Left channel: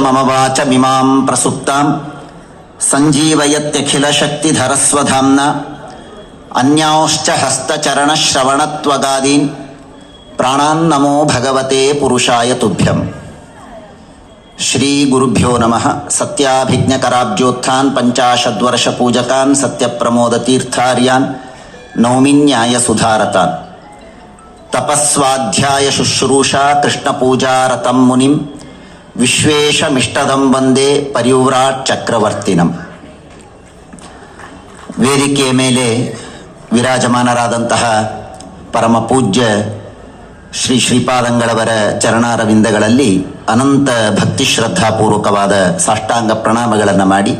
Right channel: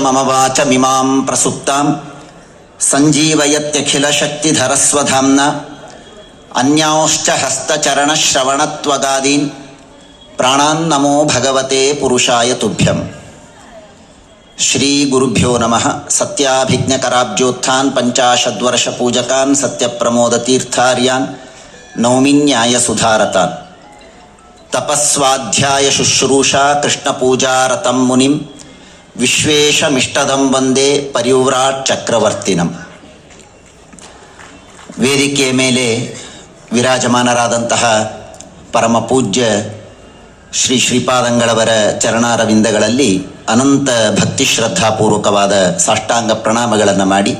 ममवाचमिमां प्रसुप्तां सञ्जीवयत्यखिलशक्तिधरस्वधाम्न। अन्यांश्च हस्तचरणश्रवणत्वगादीन्। प्राणान् नमो भगवते पुरुषाय तुभ्यम्। श्रीगुरुभ्यो नमः। सत्याभिज्ञकराब्जोत्थान् पञ्चाशद्वर्षपूजकान् सत्यप्रमोदतीर्थार्यान् नौमिन्यायसुधारतान् तपस्वाध्यायशुश्रूषा कृष्णपूजारतं मुनिम्। ವಿಶ್ವೇಶಮಿಷ್ಟದಂ ವಂದೇ ಪರಿವ್ರಾಟ್ ಚಕ್ರವರ್ತಿನಂ. ವೇದಿಕೆಯ ಮೇಲೆ ವಿರಾಜಮಾನರಾದಂತಹ ಪರಮ ಪೂಜ್ಯ ಶ್ರೀ ಶ್ರೀಪಾದಂಗಳವರ ಚರಣಾರವಿಂದಗಳಲ್ಲಿ ಅನಂತ ಭಕ್ತಿ ಶ್ರದ್ಧಾಪೂರ್ವಕವಾದ ಸಾಷ್ಟಾಂಗ ಪ್ರಣಾಮಗಳನ್ನು ಮಾಡಿ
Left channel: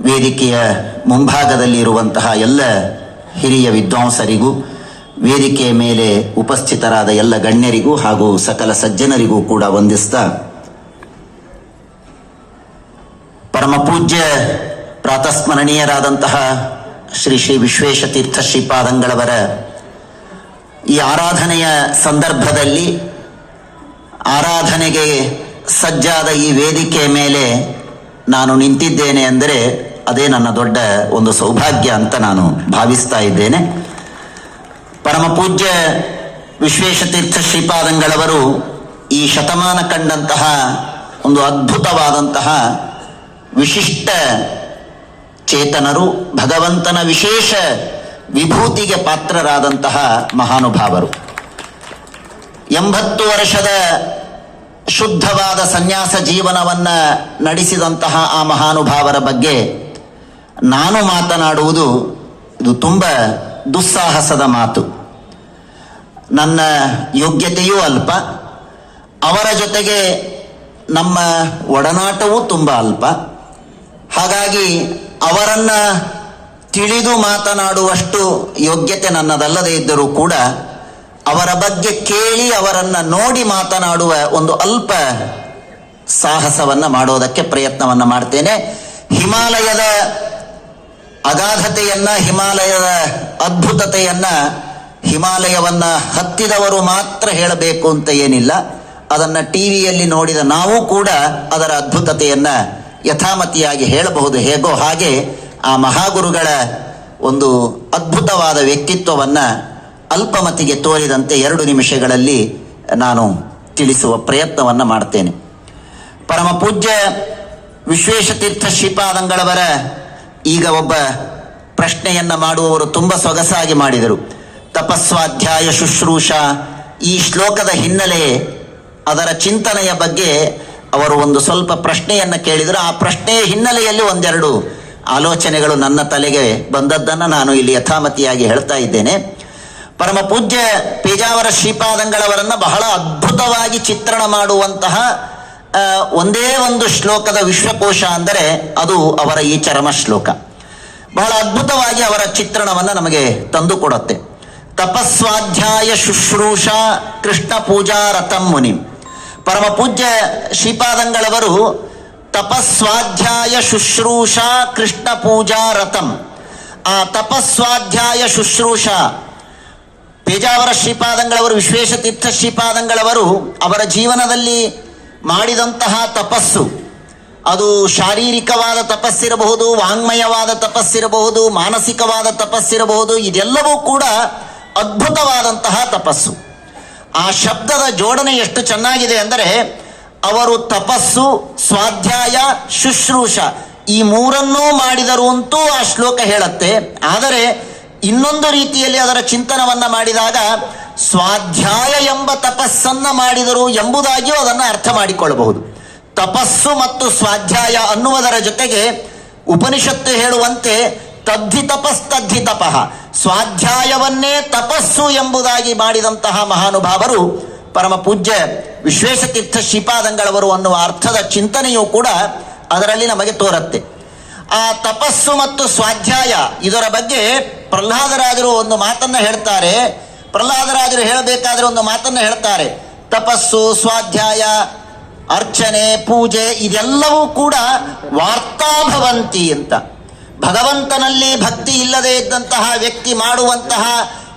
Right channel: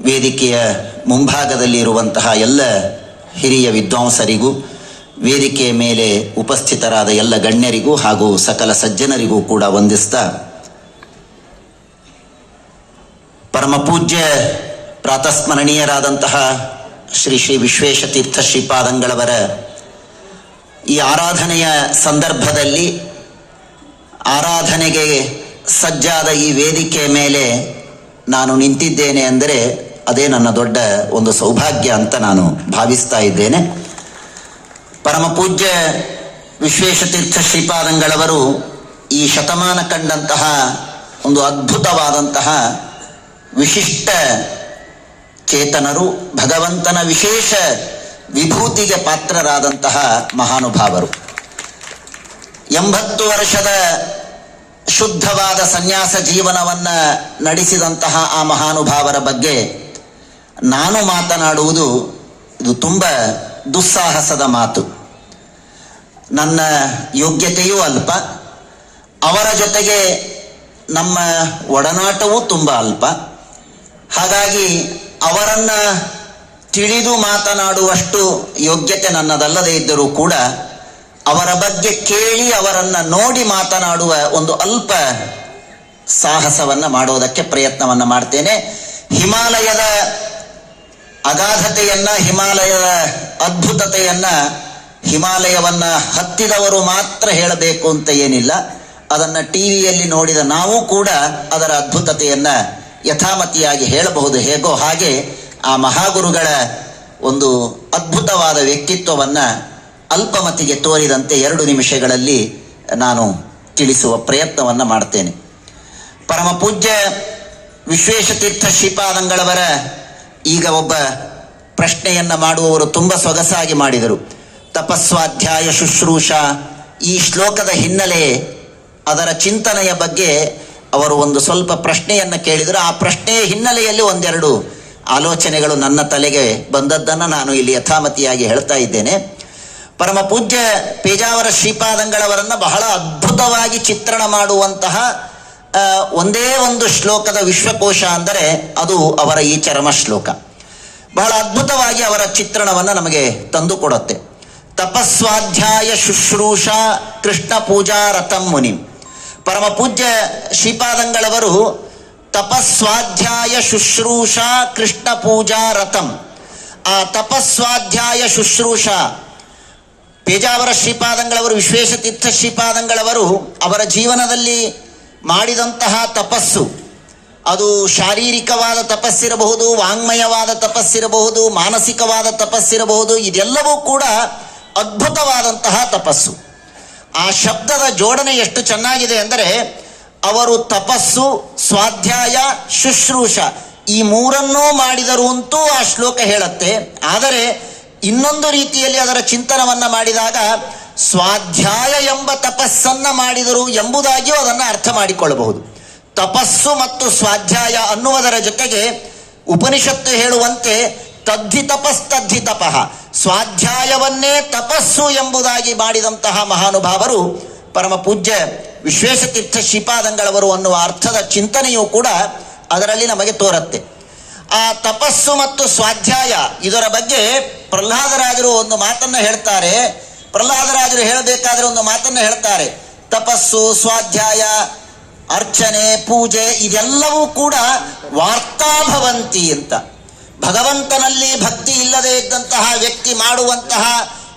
ವೇದಿಕೆಯ ಮುಂಭಾಗದಲ್ಲಿ ಇರುವಂತಹ ಎಲ್ಲ ಹಿರಿಯ ವಿದ್ವಾಂಸರಿಗೂ, ವೇದಿಕೆಯ ಮೇಲೆ ಉಪಸ್ಥಿತರಾದ ಎಲ್ಲ ಗಣ್ಯರಿಗೂ ಹಾಗೂ ಸಕಲ ಸಜ್ಜನರಿಗೂ ಕೂಡ ವಂದಿಸ್ತಾ ಪರಮ ಪೂಜ್ಯ ಪ್ರಾತಸ್ಮರಣೀಯರಾದಂತಹ ಶ್ರೀ ಶ್ರೀ ವಿಶ್ವೇಶತೀರ್ಥ ಶ್ರೀಪಾದಂಗಳವರ ಈ ಆರಾಧನೆಯ ಸಂದರ್ಭದಲ್ಲಿ ಆರಾಧನೆಗೆ ಸಜ್ಜಾದ ಈ ವೇದಿಕೆ ಮೇಲೆ ನಾನು ನಿಂತಿದ್ದೇನೆ ಅಂದರೆ ಅದೇ ನನ್ನ ದೊಡ್ಡ ಒಂದು ಸೌಭಾಗ್ಯ ಅಂತ ನಾನು ಭಾವಿಸ್ತಾ ಇದ್ದೇನೆ. ಪರಮ ಪೂಜ್ಯ ವಿಶ್ವೇಶತೀರ್ಥ ಶ್ರೀಪಾದಂಗಳವರು ಈ ಶತಮಾನ ಕಂಡಂತಹ ಒಂದು ಅದ್ಭುತವಾದಂತಹ ವಿಶಿಷ್ಟ ಚೇತನರು ಭಗವಂತನ ವಿಶೇಷ ವಿಭೂತಿಗೆ ಪಾತ್ರರಾದಂತಹ ಮಹಾನುಭಾವರು. ಎಂಬತ್ತು ವರ್ಷದ ಶುದ್ಧವಾದ ಸನ್ಯಾಸ ಜೀವನವನ್ನ ನಡೆಸಿದಂತಹ ಆ ಮಹಾನುಭಾವರ ಬಗ್ಗೆ ನಾನು ಮಾತನಾಡುವುದು ಇದು ತುಂಬ ದುಸ್ಸಾಹಸದ ಮಾತು. ನನ್ನ ಯೋಗ್ಯತೆಯೂ ಅಲ್ಪ, ಅವರ ಜೊತೆಗೆ ನಮ್ಮ ಒಡನಾಟವೂ ತುಂಬ ಅಲ್ಪ. ಹಾಗಾಗಿ ಅವರನ್ನ ತಿಳಿದು ಮಾತನಾಡುವಷ್ಟು ಯೋಗ್ಯತೆ ನನ್ನದಲ್ಲದೇ ಇದ್ದರೂ ಕೂಡ ಅವರ ಬಗ್ಗೆ ಕೇಳಿ ಅವರನ್ನ ನೋಡಿ ಮಾತನಾಡುವ ಒಂದು ಅಲ್ಪ ಸಾಹಸವನ್ನ ಮಾಡೋದಕ್ಕೆ ಪ್ರಯತ್ನವನ್ನ ಮಾಡ್ತೇನೆ. ಹಿಮಾಲಯದ ಅಗಾಧತೆಯನ್ನ, ಹಿಮಾಲಯದ ಅದ್ಭುತತೆಯನ್ನ, ಹಿಮಾಲಯವನ್ನ ಹತ್ತಿದವರು ಮಾತ್ರ ಹೇಳಬೇಕು ಅಂತ ಏನಿಲ್ಲ. ಅದನ್ನ ಟಿವಿಯಲ್ಲಿ ನೋಡಿದ ನಾವು ಕೂಡ ಅದರ ಅದ್ಭುತತೆಯನ್ನ ಯಥಾಮತಿಯಾಗಿ ಹೇಳಬಹುದು. ಹೇಗೋ ಹಾಗೆ ಆ ಮಹಾಗುರುಗಳ ಒಂದು ಅದ್ಭುತವಾದ ವ್ಯಕ್ತಿತ್ವವನ್ನು ಅಲ್ಪಮತಿಗೆ ತೋರಿದಂತೆ ಎರಡು ನಿಮಿಷಗಳಲ್ಲಿ ನಾನು ತಿಳಿಸುವ ಪ್ರಯತ್ನವನ್ನು ಮಾಡ್ತೇನೆ. ಪರಮ ಪೂಜ್ಯ ವಿಶ್ವೇಶತೀರ್ಥ ಶ್ರೀಪಾದಂಗಳವರ ಈಗ ಒಬ್ಬ ಪ್ರಶ್ನೆಯನ್ನು ಮಾಡುವವರು ತುಂಬ ಸೊಗಸಾಗಿ ಮಾಡಿದರು. ತಪಸ್ವಾಧ್ಯಾಯ ಶುಶ್ರೂಷ ಈ ಶ್ಲೋಕದ ಹಿನ್ನೆಲೆ ಅದರ ಚಿಂತನೆಯ ಬಗ್ಗೆ ಅವರು ಒಂದು ಸ್ವಲ್ಪ ಪ್ರಶ್ನೆಯನ್ನ ಕೇಳಿದರು. ಆ ಪ್ರಶ್ನೆ ಹಿನ್ನೆಲೆಯಲ್ಲಿ ಒಂದೆರಡು ಆಲೋಚನೆಗಳು ನನ್ನ ತಲೆಗೆ ಬಂದದ್ದನ್ನು ನಾನು ಇಲ್ಲಿ ಯಥಾಮತಿಯಾಗಿ ಹೇಳ್ತಾ ಇದ್ದೇನೆ. ಪರಮ ಪೂಜ್ಯ ಪೇಜಾವರ ಶ್ರೀಪಾದಂಗಳವರನ್ನ ಬಹಳ ಅದ್ಭುತವಾಗಿ ಚಿತ್ರಣ ಮಾಡುವಂತಹ ಒಂದೇ ಒಂದು ಶ್ಲೋಕದ ವಿಶ್ವಕೋಶ ಅಂದರೆ ಅದು ಅವರ ಈ ಚರಮ ಶ್ಲೋಕ. ಬಹಳ ಅದ್ಭುತವಾಗಿ ಅವರ ಚಿತ್ರಣವನ್ನು ನಮಗೆ ತಂದುಕೊಡುತ್ತೆ ತಪಸ್ವಾಧ್ಯಾಯ ಶುಶ್ರೂಷ ಕೃಷ್ಣ ಪೂಜಾ ರಥಂ ಮುನಿ. ಪರಮ ಪೂಜ್ಯ ಶ್ರೀಪಾದಂಗಳವರು ತಪಸ್ವಾಧ್ಯಾಯ ಶುಶ್ರೂಷಾ ಕೃಷ್ಣ ಪೂಜಾ ರಥಂ. ಆ ತಪಸ್ವಾಧ್ಯಾಯ ಶುಶ್ರೂಷಾ, ಪೇಜಾವರ ಶ್ರೀಪಾದಂಗಳವರು ವಿಶ್ವೇಶತೀರ್ಥ ಶ್ರೀಪಾದಂಗಳವರು, ಅವರ ಜೀವನದಲ್ಲಿ ಮಾಡಿದಂತಹ ತಪಸ್ಸು. ಅದು ಶಾರೀರಿಕವಾದ ತಪಸ್ಸಿರಬಹುದು, ವಾಂಗ್ಮಯವಾದ ತಪಸ್ಸಿರಬಹುದು, ಮಾನಸಿಕವಾದ ತಪಸ್ಸಿರಬಹುದು, ಇದೆಲ್ಲವೂ ಕೂಡ ಅದ್ಭುತವಾದಂತಹ ತಪಸ್ಸು. ಆ ಶಬ್ದದ ಜೋಡಣೆ ಎಷ್ಟು ಚೆನ್ನಾಗಿದೆ ಅಂದರೆ ಅವರು ತಪಸ್ಸು, ಸ್ವಾಧ್ಯಾಯ, ಶುಶ್ರೂಷ ಈ ಮೂರನ್ನೂ ಮಾಡಿದರು ಅಂತೂ ಆ ಶ್ಲೋಕ ಹೇಳುತ್ತೆ. ಆದರೆ ಇನ್ನೊಂದು ರೀತಿಯಲ್ಲಿ ಅದರ ಚಿಂತನವನ್ನ ಮಾಡಿದಾಗ ಸ್ವಾಧ್ಯಾಯ ಎಂಬ ತಪಸ್ಸನ್ನ ಮಾಡಿದರು ಎಂಬುದಾಗಿಯೂ ಅದನ್ನು ಅರ್ಥ ಮಾಡಿಕೊಳ್ಳಬಹುದು. ತಪಸ್ಸು ಮತ್ತು ಸ್ವಾಧ್ಯಾಯ ಅನ್ನುವುದರ ಜೊತೆಗೆ ಉಪನಿಷತ್ತು ಹೇಳುವಂತೆ ತದ್ಧಿ ತಪಸ್ ತದ್ಧಿ ತಪಃ ಸ್ವಾಧ್ಯಾಯವನ್ನೇ ತಪಸ್ಸು ಎಂಬುದಾಗಿ ಮಾಡಿದಂತಹ ಮಹಾನುಭಾವರು ಪರಮ ಪೂಜ್ಯ ವಿಶ್ವೇಶತೀರ್ಥ ಶ್ರೀಪಾದಂಗಳವರು ಅನ್ನುವ ಅರ್ಥದ ಚಿಂತನೆಯೂ ಕೂಡ ಅದರಲ್ಲಿ ನಮಗೆ ತೋರುತ್ತೆ. ಆ ತಪಸ್ಸು ಮತ್ತು ಸ್ವಾಧ್ಯಾಯ ಇದರ ಬಗ್ಗೆ ಪ್ರಹ್ಲಾದರಾಜರು ಒಂದು ಮಾತನ್ನ ಹೇಳ್ತಾರೆ. ಪ್ರಹ್ಲಾದರಾಜರು ಹೇಳಬೇಕಾದ್ರೆ ಒಂದು ಮಾತನ್ನ ಹೇಳ್ತಾರೆ. ತಪಸ್ಸು, ಸ್ವಾಧ್ಯಾಯ, ಅರ್ಚನೆ, ಪೂಜೆ ಇದೆಲ್ಲವೂ ಕೂಡ ವಾರ್ತಾಭವಂತಿ ಅಂತ. ಭಗವಂತನಲ್ಲಿ ಭಕ್ತಿ ಇಲ್ಲದೆ ಇದ್ದಂತಹ ವ್ಯಕ್ತಿ ಮಾಡುವಂತಹ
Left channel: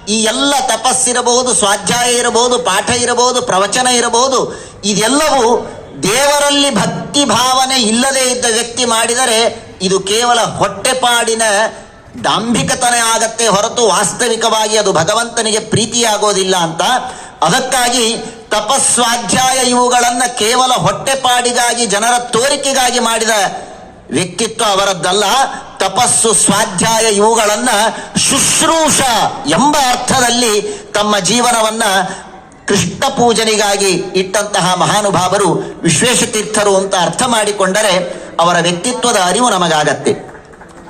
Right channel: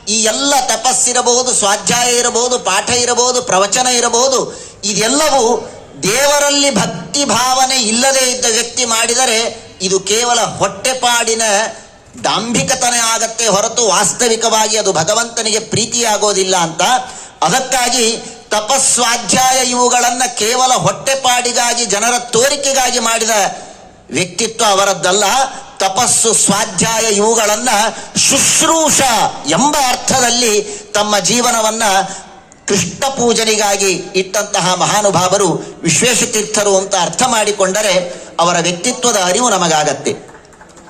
ಈ ಎಲ್ಲ ತಪಸ್ಸಿರಬಹುದು, ಸ್ವಾಧ್ಯಾಯ ಇರಬಹುದು, ಪಾಠ ಇರಬಹುದು, ಪ್ರವಚನ ಇರಬಹುದು, ಇದೆಲ್ಲವೂ ದೇವರಲ್ಲಿ ಭಕ್ತಿ ಭಾವನೆ ಇಲ್ಲದೆ ಇದ್ದ ವ್ಯಕ್ತಿ ಮಾಡಿದರೆ ಇದು ಕೇವಲ ಹೊಟ್ಟೆಪಾಡಿನ ದಾಂಭಿಕತನ ಆಗತ್ತೆ ಹೊರತು ವಾಸ್ತವಿಕವಾಗಿ ಅದು ಭಗವಂತನಿಗೆ ಪ್ರೀತಿಯಾಗೋದಿಲ್ಲ ಅಂತ. ಅದಕ್ಕಾಗಿ ತಪಸ್ವಾಧ್ಯಾಯ ಇವುಗಳನ್ನು ಕೇವಲ ಹೊಟ್ಟೆಪಾಡಿಗಾಗಿ, ಜನರ ತೋರಿಕೆಗಾಗಿ ಮಾಡಿದ ವ್ಯಕ್ತಿತ್ವ ಅವರದ್ದಲ್ಲ, ತಪಸ್ಸು, ಸ್ವಾಧ್ಯಾಯ ಇವುಗಳನ್ನ ಶುಶ್ರೂಷ ಎಂಬ ಅರ್ಥದಲ್ಲಿ ತಮ್ಮ ಜೀವನವನ್ನ ಕೃಷ್ಣ ಪೂಜನಿಗಾಗಿ ಇಟ್ಟಂತಹ ಮಹಾನುಭಾವರು, ವಿಶ್ವೇಶತೀರ್ಥರು ಅಂತ ಅರ್ಥ ಮಾಡಿಕೊಂಡರೆ ಅವರ ವ್ಯಕ್ತಿತ್ವದ ಅರಿವು ನಮಗಾಗತ್ತೆ.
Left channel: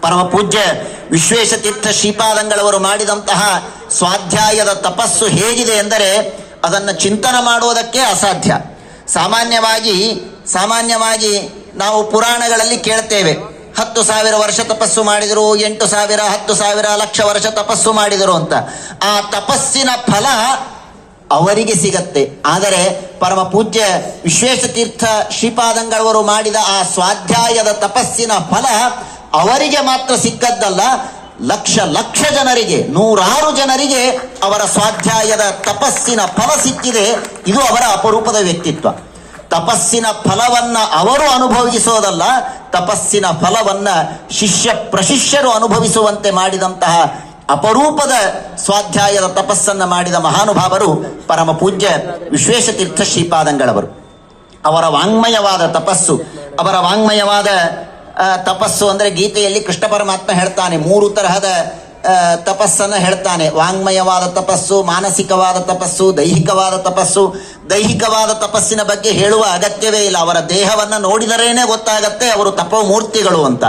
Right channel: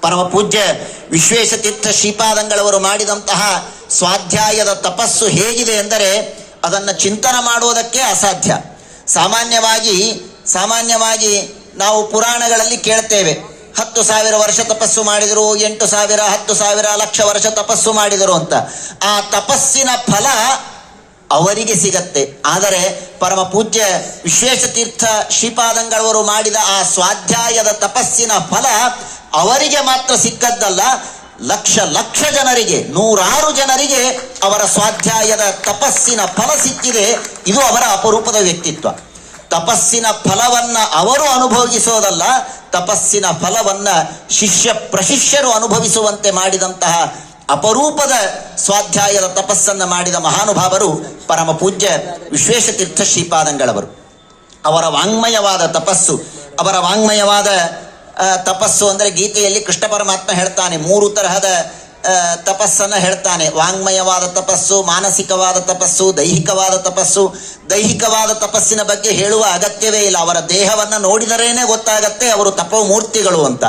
ಪರಮ ಪೂಜ್ಯ ವಿಶ್ವೇಶತೀರ್ಥ ಶ್ರೀಪಾದಂಗಳವರು ಮಾಡಿದಂತಹ ಸ್ವಾಧ್ಯಾಯದ ತಪಸ್ಸು ಹೇಗಿದೆ ಎಂದರೆ ಅದನ್ನು ಚಿಂತನೆ ಮಾಡುವುದಕ್ಕೆ ಅಸಾಧ್ಯ. ಸಾಮಾನ್ಯವಾಗಿ ಸಾಮಾನ್ಯವಾಗಿ ನಾವು ಪುರಾಣಗಳಲ್ಲಿ ಕೇಳ್ತೇವೆ. ಹತ್ತು ಸಾವಿರ ವರ್ಷ ತಪಸ್ಸು ಮಾಡಿದರು, ಎಂಟು ಸಾವಿರ, ಹತ್ತು ಸಾವಿರ, ಲಕ್ಷ ವರ್ಷ ತಪಸ್ಸು ಮಾಡಿದರು ಅಂತ. ಆ ತಪಸ್ಸಿನ ಫಲ ಅವರಿಗೆ ಸಿಗತ್ತೆ. ಆದರೆ ಪರಮ ಪೂಜ್ಯ ವಿಶ್ವೇಶತೀರ್ಥ ಶ್ರೀಪಾದಂಗಳವರು ಮಾಡಿದ ಆ ಸ್ವಾಧ್ಯಾಯದ ತಪಸ್ಸಿನ ಫಲ ಅವರಿಗೆ ಮಾತ್ರ ಸಿಕ್ಕದ್ದಲ್ಲ, ಲಕ್ಷ ಲಕ್ಷ ಜನರಿಗೆ, ನೂರಾರು ಜನರಿಗೆ ಅವರ ಸ್ವಾಧ್ಯಾಯದ ತಪಸ್ಸಿನ ಫಲ ಸಿಕ್ಕಿದೆ. ಇದು ಅವರ ಅಪರೂಪದ ವ್ಯಕ್ತಿತ್ವ. ತಪಸ್ಸಿನ ಫಲವನ್ನ ಅವರು ಅನುಭವಿಸೋದಲ್ಲ ತಪಸ್ಸಿನ ಫಲವನ್ನ ಶಿಷ್ಯ ಪ್ರಶಿಷ್ಯರು ಅನುಭವಿಸುವಂತೆ ಮಾಡಿದಂತಹ ಅಪರೂಪದ ಸ್ವಾಧ್ಯಾಯದ ತಪಸ್ಸನ್ನ ಮಾಡಿದ ಮಹಾನುಭಾವರು ಪರಮ ಪೂಜ್ಯ ವಿಶ್ವೇಶತೀರ್ಥ ಶ್ರೀಪಾದಂಗಳವರು. ಅವರ ವಾಂಗ್ಮಯವಾದ ತಪಸ್ಸು, ಅವರ ವಾಂಗ್ಮಯವಾದ ತಪಸ್ಸು ಅಂದ್ರೆ ಗೀತೆಯಲ್ಲಿ ಕೃಷ್ಣ ಪರಮಾತ್ಮ ಹೇಳ್ತಾನೆ, ಮೂರು ತರಹದ ತಪಸ್ಸನ್ನ ಹೇಳ್ತಾನೆ. ವಾಂಗ್ಮಯವಾದ ತಪಸ್ಸು ಮಾನಸಿಕವಾದ ತಪಸ್ಸು ದೈಹಿಕವಾದ ತಪಸ್ಸು. ದೈಹಿಕವಾದ ತಪಸ್ಸಿನ ಬಗ್ಗೆ ಹೇಳುವ ಅಗತ್ಯವೇ ಇಲ್ಲ. ಅವರ ದೇಹವನ್ನು ನೋಡಿದರೇನೆ ಗೊತ್ತಾಗತ್ತೆ ಅವರು ತಪಮೂರ್ತಿಗಳು ಅಂತ.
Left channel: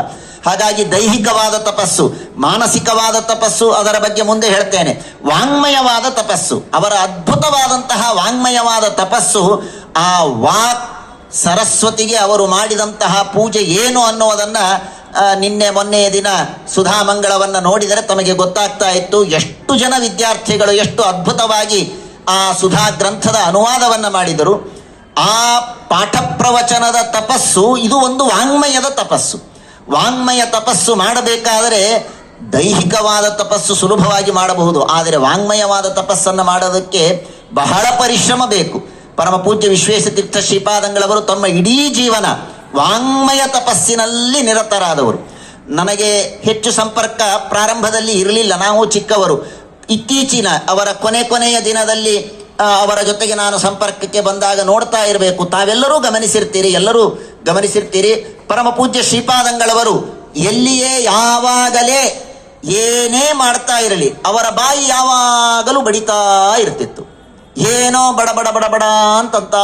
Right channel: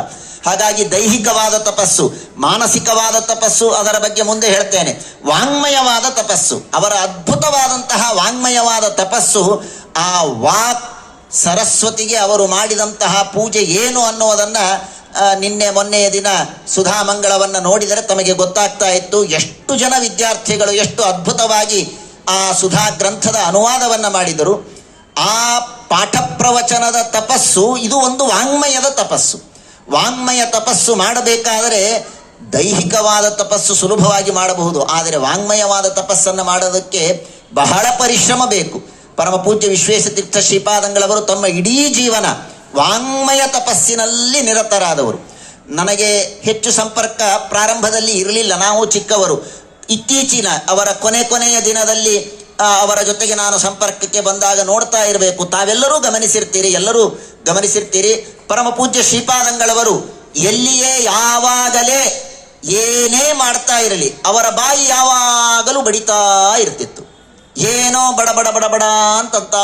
ಹಾಗಾಗಿ ದೈಹಿಕವಾದ ತಪಸ್ಸು ಮಾನಸಿಕವಾದ ತಪಸ್ಸು ಅದರ ಬಗ್ಗೆ ಮುಂದೆ ಹೇಳ್ತೇನೆ. ವಾಂಗ್ಮಯವಾದ ತಪಸ್ಸು ಅವರ ಅದ್ಭುತವಾದಂತಹ ವಾಂಗ್ಮಯವಾದ ತಪಸ್ಸು ಆ ವಾಕ್ ಸರಸ್ವತಿಗೆ ಅವರು ಮಾಡಿದಂತಹ ಪೂಜೆ ಏನು ಅನ್ನುವುದನ್ನ ಆ, ನಿನ್ನೆ ಮೊನ್ನೆಯ ದಿನ ಸುಧಾಮಂಗಳವನ್ನು ನೋಡಿದರೆ ತಮಗೆ ಗೊತ್ತಾಗ್ತಾ ಇತ್ತು ಎಷ್ಟು ಜನ ವಿದ್ಯಾರ್ಥಿಗಳು ಎಷ್ಟು ಅದ್ಭುತವಾಗಿ ಆ ಸುಧಾ ಗ್ರಂಥದ ಅನುವಾದವನ್ನ ಮಾಡಿದರು. ಆ ಪಾಠ ಪ್ರವಚನದ ತಪಸ್ಸು, ಇದು ಒಂದು ವಾಂಗ್ಮಯದ ತಪಸ್ಸು. ವಾಂಗ್ಮಯ ತಪಸ್ಸು ಮಾಡಬೇಕಾದರೆ ದೈಹಿಕವಾದ ತಪಸ್ಸು ಸುಲಭವಾಗಿ ಮಾಡಬಹುದು. ಆದರೆ ವಾಂಗ್ಮಯವಾದ ತಪಸ್ಸನ್ನು ಮಾಡೋದಕ್ಕೆ ಬಹಳ ಪರಿಶ್ರಮ ಬೇಕು. ಪರಮ ಪೂಜ್ಯ ವಿಶ್ವೇಶತೀರ್ಥ ಶ್ರೀಪಾದಂಗಳವರು ತಮ್ಮ ಇಡೀ ಜೀವನ ವಾಂಗ್ಮಯ ತಪಸ್ಸಿನಲ್ಲಿ ನಿರತರಾದವರು. ನನಗೆ ಹೆಚ್ಚು ಸಂಪರ್ಕ ಪ್ರಾರಂಭದಲ್ಲಿ ಇರಲಿಲ್ಲ. ನಾವು ಚಿಕ್ಕವರು. ಇತ್ತೀಚಿನ ಅವರ ಕೊನೆ ಕೊನೆಯ ದಿನದಲ್ಲಿ ಅವರ ಜೊತೆಗೆ ನಾನು ಸಂಪರ್ಕಕ್ಕೆ ಬಂದಾಗ ನೋಡ್ತಾ ಇರಬೇಕು. ತಾವೆಲ್ಲರೂ ಗಮನಿಸಿರ್ತೀರಿ, ಎಲ್ಲರೂ ಗಮನಿಸಿರ್ತೀರಿ. ಪರಮ ಪೂಜ್ಯ ಶ್ರೀಪಾದಂಗಳವರು, ಎಲ್ಲಿಯೇ ಯಾವಾಗಲೇ ಏನೇ ಮಾಡ್ತಾ ಇರಲಿ, ಅವರ ಬಾಯಿ ಯಾವಾಗಲೂ ಬಡಿತಾ ಇರ್ತಿತ್ತು. ಏನೋ ಬಡ ಬಡ ಬಡ ಬಡ ಅಂತಂತ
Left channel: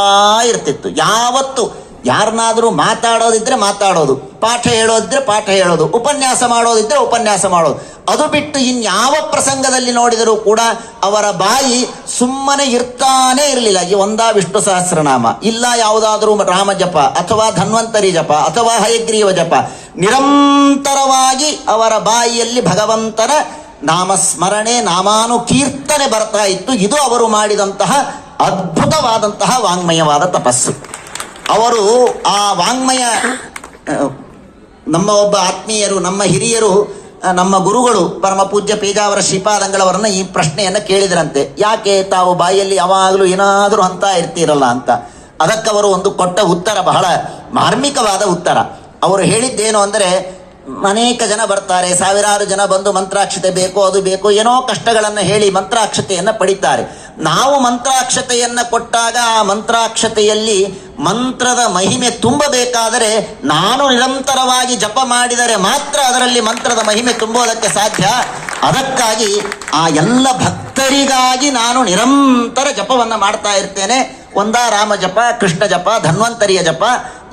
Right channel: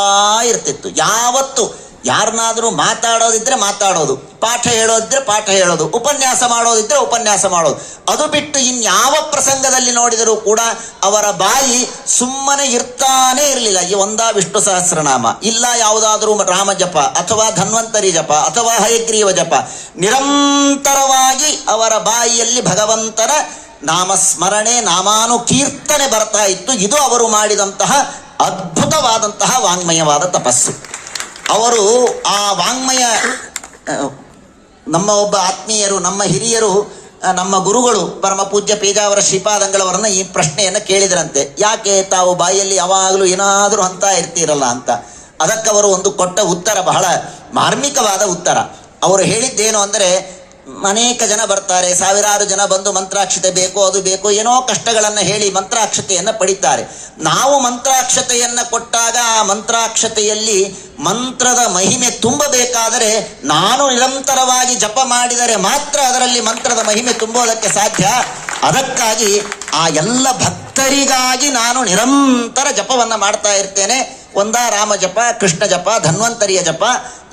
ಇರ್ತಿತ್ತು. ಯಾವತ್ತು ಯಾರನ್ನಾದ್ರೂ ಮಾತಾಡೋದಿದ್ರೆ ಮಾತಾಡೋದು, ಪಾಠ ಹೇಳೋದಿದ್ರೆ ಪಾಠ ಹೇಳೋದು, ಉಪನ್ಯಾಸ ಮಾಡೋದಿದ್ರೆ ಉಪನ್ಯಾಸ ಮಾಡೋದು. ಅದು ಬಿಟ್ಟು ಇನ್ಯಾವ ಪ್ರಸಂಗದಲ್ಲಿ ನೋಡಿದರೂ ಕೂಡ ಅವರ ಬಾಯಿ ಸುಮ್ಮನೆ ಇರ್ತಾನೆ ಇರಲಿಲ್ಲ. ಈ ಒಂದ ವಿಷ್ಣು ಸಹಸ್ರನಾಮ, ಇಲ್ಲ ಯಾವುದಾದ್ರೂ ರಾಮ ಜಪ, ಅಥವಾ ಧನ್ವಂತರಿ ಜಪ, ಅಥವಾ ಹಯಗ್ರೀವ ಜಪ, ನಿರಂತರವಾಗಿ ಅವರ ಬಾಯಿಯಲ್ಲಿ ಭಗವಂತನ ನಾಮಸ್ಮರಣೆ ನಾಮಾನು ಕೀರ್ತನೆ ಬರ್ತಾ ಇತ್ತು. ಇದು ಅವರು ಮಾಡಿದಂತಹ ಅದ್ಭುತವಾದಂತಹ ವಾಂಗ್ಮಯವಾದ ತಪಸ್ಸು. ಅವರು ಆ ವಾಂಗ್ಮಯ ನಮ್ಮ ಒಬ್ಬ ಆತ್ಮೀಯರು, ನಮ್ಮ ಹಿರಿಯರು ನಮ್ಮ ಗುರುಗಳು ಪರಮ ಪೂಜ್ಯ ಪೇಜಾವರ ಶ್ರೀಪಾದಂಗಳವರನ್ನ ಈ ಪ್ರಶ್ನೆಯನ್ನ ಕೇಳಿದ್ರಂತೆ. ಯಾಕೆ ತಾವು ಬಾಯಲ್ಲಿ ಯಾವಾಗಲೂ ಏನಾದರೂ ಅಂತ ಇರ್ತೀರಲ್ಲ ಅಂತ. ಅದಕ್ಕವರು ಒಂದು ಕೊಟ್ಟ ಉತ್ತರ ಬಹಳ ಮಾರ್ಮಿಕವಾದ ಉತ್ತರ. ಅವರು ಹೇಳಿದ್ದೇನು ಅಂದರೆ ಅನೇಕ ಜನ ಬರ್ತಾರೆ, ಸಾವಿರಾರು ಜನ ಬಂದು ಮಂತ್ರಾಕ್ಷತೆ ಬೇಕು, ಅದು ಬೇಕೋ, ಏನೋ ಕಷ್ಟಗಳನ್ನು ಹೇಳಿ ಮಂತ್ರಾಕ್ಷತೆಯನ್ನು ಪಡಿತಾರೆ. ನಾವು ಮಂತ್ರಾಕ್ಷತೆಯನ್ನು ಕೊಟ್ಟಾಗ ಆ ಮಂತ್ರಾಕ್ಷತೆಯಲ್ಲಿ ಮಂತ್ರದ ಮಹಿಮೆ ತುಂಬಬೇಕಾದರೆ ನಾನು ನಿರಂತರವಾಗಿ ಜಪ ಮಾಡಿದರೆ ಮಾತ್ರ ಅದರಲ್ಲಿ ಮಂತ್ರದ ಮಹಿಮೆ ತುಂಬೋದಕ್ಕೆ ಸಾಧ್ಯ. ಅದಕ್ಕಾಗಿ ಆ ಎಲ್ಲ ಭಕ್ತರಿಗಾಗಿ ನಾನು ನಿರಂತರ ಜಪವನ್ನು ಮಾಡ್ತಾ ಇರ್ತೇನೆ. ಒಂದ ರಾಮ ಜಪ, ಕೃಷ್ಣ ಜಪ, ಧನ್ವಂತರಿಯ ಜಪ,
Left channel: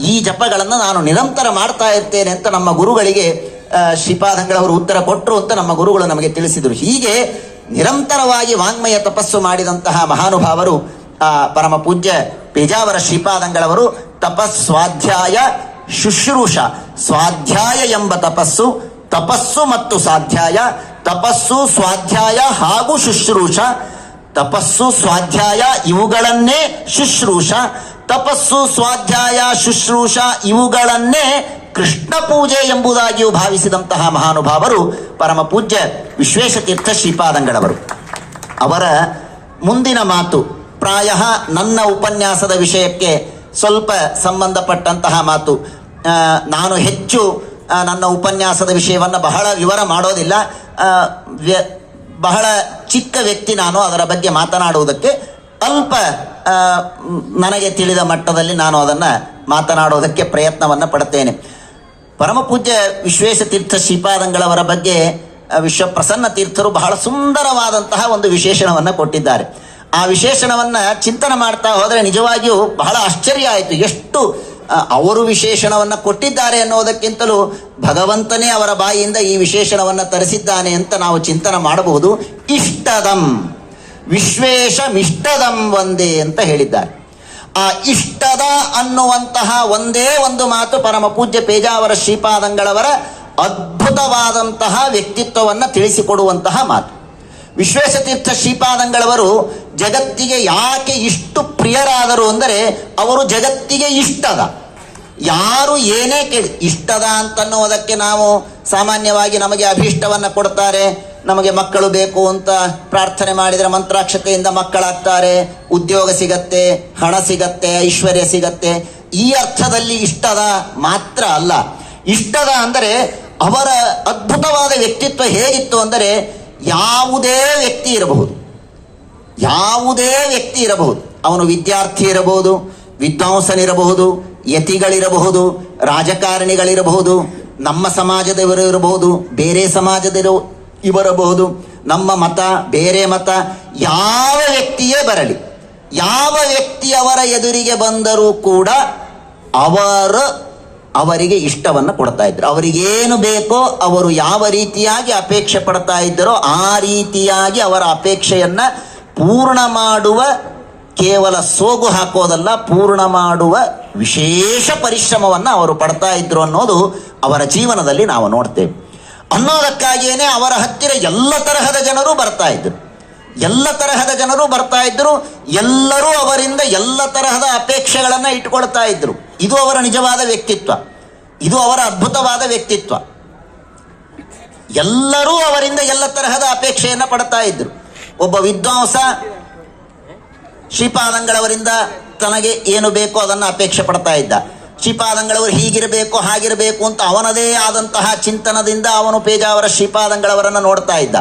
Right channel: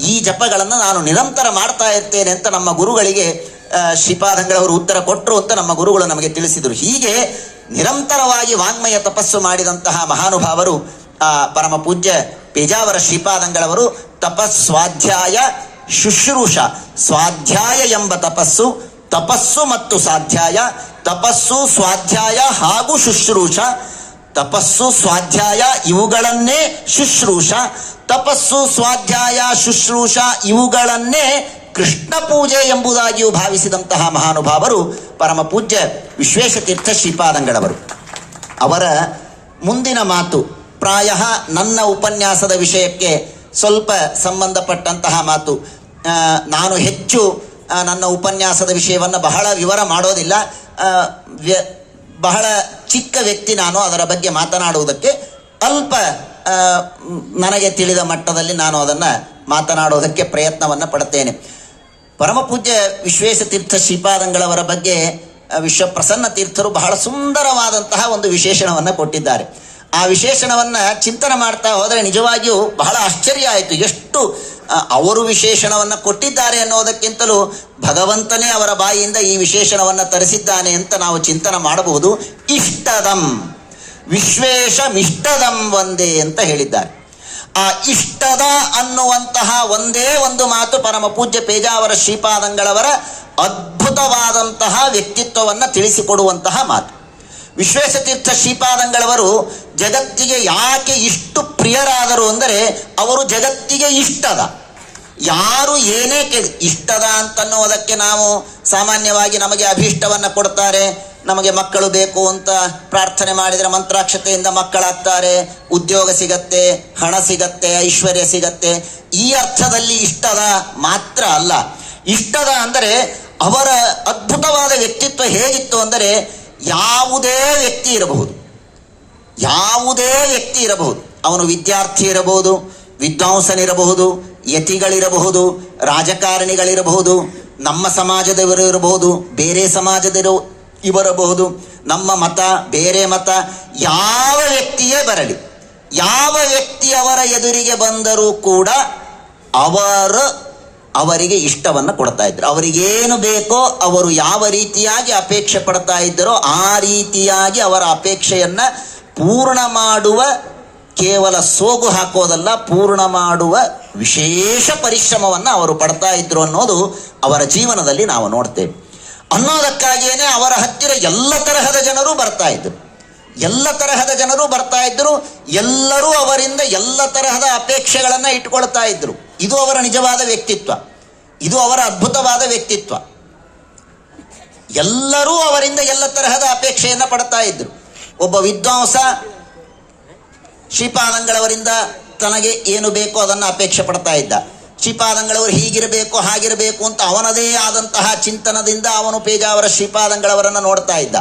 ಈ ಜಪಗಳನ್ನು ನಾನು ನಿರಂತರ ಮಾಡ್ತಾ ಇರ್ತೇನೆ ಅಂತ ನಮ್ಮ ಗುರುಗಳಿಗೆ ಶ್ರೀಪಾದಂಗಳವರು ಉತ್ತರ ಕೊಟ್ಟರು ಅಂತ ನಮ್ಮ ಗುರುಗಳು ನಮಗೆ ತಿಳಿಸಿದರು. ಹೀಗೆ ನಿರಂತರವಾಗಿ ವಾಂಗ್ಮಯ ತಪಸ್ಸು ಮಾಡಿದಂತಹ ಮಹಾನುಭಾವರು, ಆ, ಪರಮ ಪೂಜ್ಯ ಪೇಜಾವರ ಶ್ರೀಪಾದಂಗಳವರು ತಪಸ್ವಾಧ್ಯಾಯ ಶುಶ್ರೂಷ, ಸ್ವಾಧ್ಯಾಯ ಎಂಬ ತಪಸ್ಸು ತಪಸ್ಸು ಮತ್ತು ಸ್ವಾಧ್ಯಾಯ, ತಪಸ್ಸು, ಸ್ವಾಧ್ಯಾಯ ಹಾಗೂ ಶುಶ್ರೂಷ ತಪಸ್ಸು ಸ್ವಾಧ್ಯಾಯ ಇವುಗಳನ್ನೇ ಶುಶ್ರೂಷ. ತಪಸ್ಸು ಸ್ವಾಧ್ಯಾಯ ಶುಶ್ರೂಷ ಇವುಗಳನ್ನೇ ಕೃಷ್ಣ ಪೂಜೆ ಎಂಬುದಾಗಿಯೂ ಭಾವಿಸಿದಂತಹ ಮಹಾನುಭಾವರು ಪರಮ ಪೂಜ್ಯ ವಿಶ್ವೇಶತೀರ್ಥ ಶ್ರೀಪಾದಂಗಳವರು. ಅವರ ಮುಂದಿನ ಮಾತು ಪ್ರಾಯ ನನ್ನ ಉಪನ್ಯಾಸದ ವಿಷಯಕ್ಕೆ ಸ್ವಲ್ಪ ಸಂಬಂಧಪಟ್ಟಂತಹ ಮಾತು. ನಾನು ಹೆಚ್ಚು ನನ್ನ ಉಪನ್ಯಾಸದ ವಿಷಯವನ್ನು ಬಹಳ ವಿವರ ಮಾಡೋದಿಲ್ಲ. ಬಹಳ ಚಿಕ್ಕ ವ್ಯಕ್ತಿ ನಾನು ಅದರ ಬಗ್ಗೆ ಮಾತನಾಡುವುದಕ್ಕೆ ಅಲ್ಪ ನನಗೆ ತಿಳಿದ ಮಟ್ಟದಲ್ಲಿ ನಾನು ಅದನ್ನು ಮಾತನಾಡೋದಕ್ಕೆ ಪ್ರಯತ್ನವನ್ನು ಪಡುತ್ತೇನೆ. ಪರಮಪೂಜ್ಯ ವಿಶ್ವೇಶ ತೀರ್ಥ ಶ್ರೀಪಾದಂಗಳವರ ಬಗ್ಗೆ ವಿಶ್ವಪ್ರಸನ್ನ ವಿಶ್ವ ಪ್ರಸನ್ನ ತೀರ್ಥರು ಬಹಳ ಸುಂದರವಾದಂತಹ ಒಂದು ವಿಶೇಷಣವನ್ನು ಕೊಟ್ಟಿದ್ದಾರೆ. ಆ ವಿಶೇಷಣವನ್ನ ಚಿಂತನೆ ಮಾಡ್ತಾ ಹೋದರೆ ನಿಜವಾಗಿಯೂ ಬಹಳ ಆಶ್ಚರ್ಯ ಆಯಿತು. ಎಷ್ಟು ಅವರು ವಿಶೇಷಣವನ್ನ ಕೊಟ್ಟಿದ್ದಾರೆ ಅನ್ನೋದಕ್ಕಿಂತಲೂ ಭಗವಂತನೇ ಅವರ ಬಾಯಿಯಿಂದ ಈ ವಿಶೇಷಣವನ್ನ ತರಿಸಿದ್ದಾನೆ ಅಂತ ನಾವು ಚಿಂತನೆ ಮಾಡಬಹುದು. ಇಷ್ಟದಂ. ವಿಶ್ವೇಶ ವಿಷ್ಟದಂ ಒಂದೇ ಅಂತ ಹೇಳಿದ್ದಾರೆ. ಆ ಇಷ್ಟದ ಅನ್ನುವಂತಹ ಒಂದೇ ಒಂದು ಮಾತು ಪರಮ ಪೂಜ್ಯ ಪೇಜಾವರ ಶ್ರೀಪಾದಂಗಳವರ ಅದ್ಭುತವಾದಂತಹ ವ್ಯಕ್ತಿತ್ವವನ್ನು ತಿಳಿಸಿಕೊಡುವಂತಹ ಮಾತು. ವಿಶ್ವೇಶತೀರ್ಥ ಶ್ರೀಪಾದಂಗಳವರು ಜಗತ್ತಿಗೆ ಯಾಕೆ ಇಷ್ಟು ಪ್ರಿಯರಾದರು ಅಂದರೆ ಅವರು ಜಗತ್ತಿಗೆ ಇಷ್ಟದ. ಯಾರು ಏನೇ ಇಷ್ಟದ ಅಂತನ್ನುವುದಕ್ಕೆ ನಾವು ಸಾಮಾನ್ಯವಾಗಿ ನಮಗೆ ಅಭೀಷ್ಟವನ್ನು ಕೊಡ್ತಾರೆ. ನಮಗೆ ಮಕ್ಕಳು ಬೇಕು ಅಂತ ಪ್ರಾರ್ಥನೆ ಮಾಡಿದರೆ ಮಂತ್ರಾಕ್ಷತೆಯಿಂದ ಮಕ್ಕಳಾಗ್ತಾರೆ. ಉದ್ಯೋಗ ಸಿಗತ್ತೆ, ಹಣ ಸಿಗತ್ತೆ, ಐಶ್ವರ್ಯ ಸಿಗತ್ತೆ. ಈ ಅರ್ಥದಲ್ಲಿ ಇಷ್ಟದ ಮಾತ್ರ ಅಲ್ಲ. ಇಷ್ಟದ ಅಂದರೆ ಅವರ ಅದ್ಭುತವಾದ ವ್ಯಕ್ತಿತ್ವ ಹೇಗಿತ್ತು ಅಂದರೆ ಯಾವುದೇ ವ್ಯಕ್ತಿ ಇರಬಹುದು. ಯಾವುದೇ ವ್ಯಕ್ತಿ ಇರಬಹುದು. ಅವನು ವಿದ್ಯಾರ್ಥಿ ಇರಬಹುದು, ವಿದ್ವಾಂಸನಿರಬಹುದು, ಯತಿಗಳಿರಬಹುದು, ರಾಜಕಾರಣಿಗಳಿರಬಹುದು, ನಮ್ಮ ಸಮಾಜದವರು ಇರಬಹುದು, ಬೇರೆ ಸಮಾಜದವರು ಇವರಬಹುದು, ನಮ್ಮ ಮತ, ಬೇರೆ ಮತ, ಯಾವ ವ್ಯಕ್ತಿಯೇ ಬರಲಿ, ಯಾವ ವ್ಯಕ್ತಿ ಅವರ ಎದುರಿಗೆ ಬಂದರೂ ಕೂಡ ಅವರು ಅವರಿಗೆ ಇಷ್ಟವನ್ನು ಕೊಡ್ತಾ ಇದ್ರು. ಅವರಿಗೇನು ಬೇಕೋ, ಅವರು ಯಾವ ರೀತಿಯಾಗಿ ಅಪೇಕ್ಷೆ ಪಡ್ತಾ ಇದ್ದರೋ ಆ ರೀತಿಯಾಗಿ ಅವರ ಅಪೇಕ್ಷೆಯನ್ನ ಪೂರ್ಣ ಮಾಡುವ ಕೇವಲ ಸೋಗು ಹಾಕೋದಲ್ಲ, ಪೂರ್ಣ ಮಾಡುವ ವಿಶೇಷ ಪರಿಶ್ರಮವನ್ನು ಅವರು ಪಡ್ತಾ ಇದ್ರು ಅನ್ನೋದು ಅವರ ಜೀವನದಲ್ಲಿ ನಾವು ನೋಡ್ತೇವೆ. ಅನ್ನೋದಕ್ಕಾಗಿಯೇ ಅವರ ಹತ್ತಿರ ಎಲ್ಲ ತರಹದ ಜನರು ಬರ್ತಾ ಇದ್ರು. ಎಲ್ಲ ತರಹದ ಜನರು ಬರ್ತಾ ಇದ್ರು, ಎಲ್ಲರೂ ಅವರಿಂದ ಎಲ್ಲ ತರಹದ ಅಪೇಕ್ಷೆಗಳನ್ನು ಇಟ್ಕೊಳ್ತಾ ಇದ್ರು. ಇದು ಅವರ ನಿಜವಾದ ವ್ಯಕ್ತಿತ್ವ. ಇದು ಅವರ ಅದ್ಭುತವಾದ ವ್ಯಕ್ತಿತ್ವ. ಎಲ್ಲರೂ ಅವರಿಂದ ಎಲ್ಲ ತರಹದ ಅಪೇಕ್ಷೆಯನ್ನು ಪಡ್ತಾ ಇದ್ರು. ಒಬ್ಬ ವಿದ್ವಾಂಸ ಶ್ರೀಪಾದಂಗಳವರಿಂದ ತನಗೆ ಏನು ಬೇಕೋ ಅದನ್ನು ಅಪೇಕ್ಷೆ ಪಡ್ತಾ ಇದ್ದ. ಶ್ರೀಪಾದಂಗಳವರು ಹೀಗಿರಬೇಕು, ಹಾಗಿರಬೇಕು ಅಂತ ಅವನದೇ ಆದಂತಹ ಚಿಂತನದಿಂದ ಅವನು ಪೇಜಾವರ ಶ್ರೀಪಾದಂಗಳವರನ್ನು ನೋಡ್ತಾ ಇದ್ದ.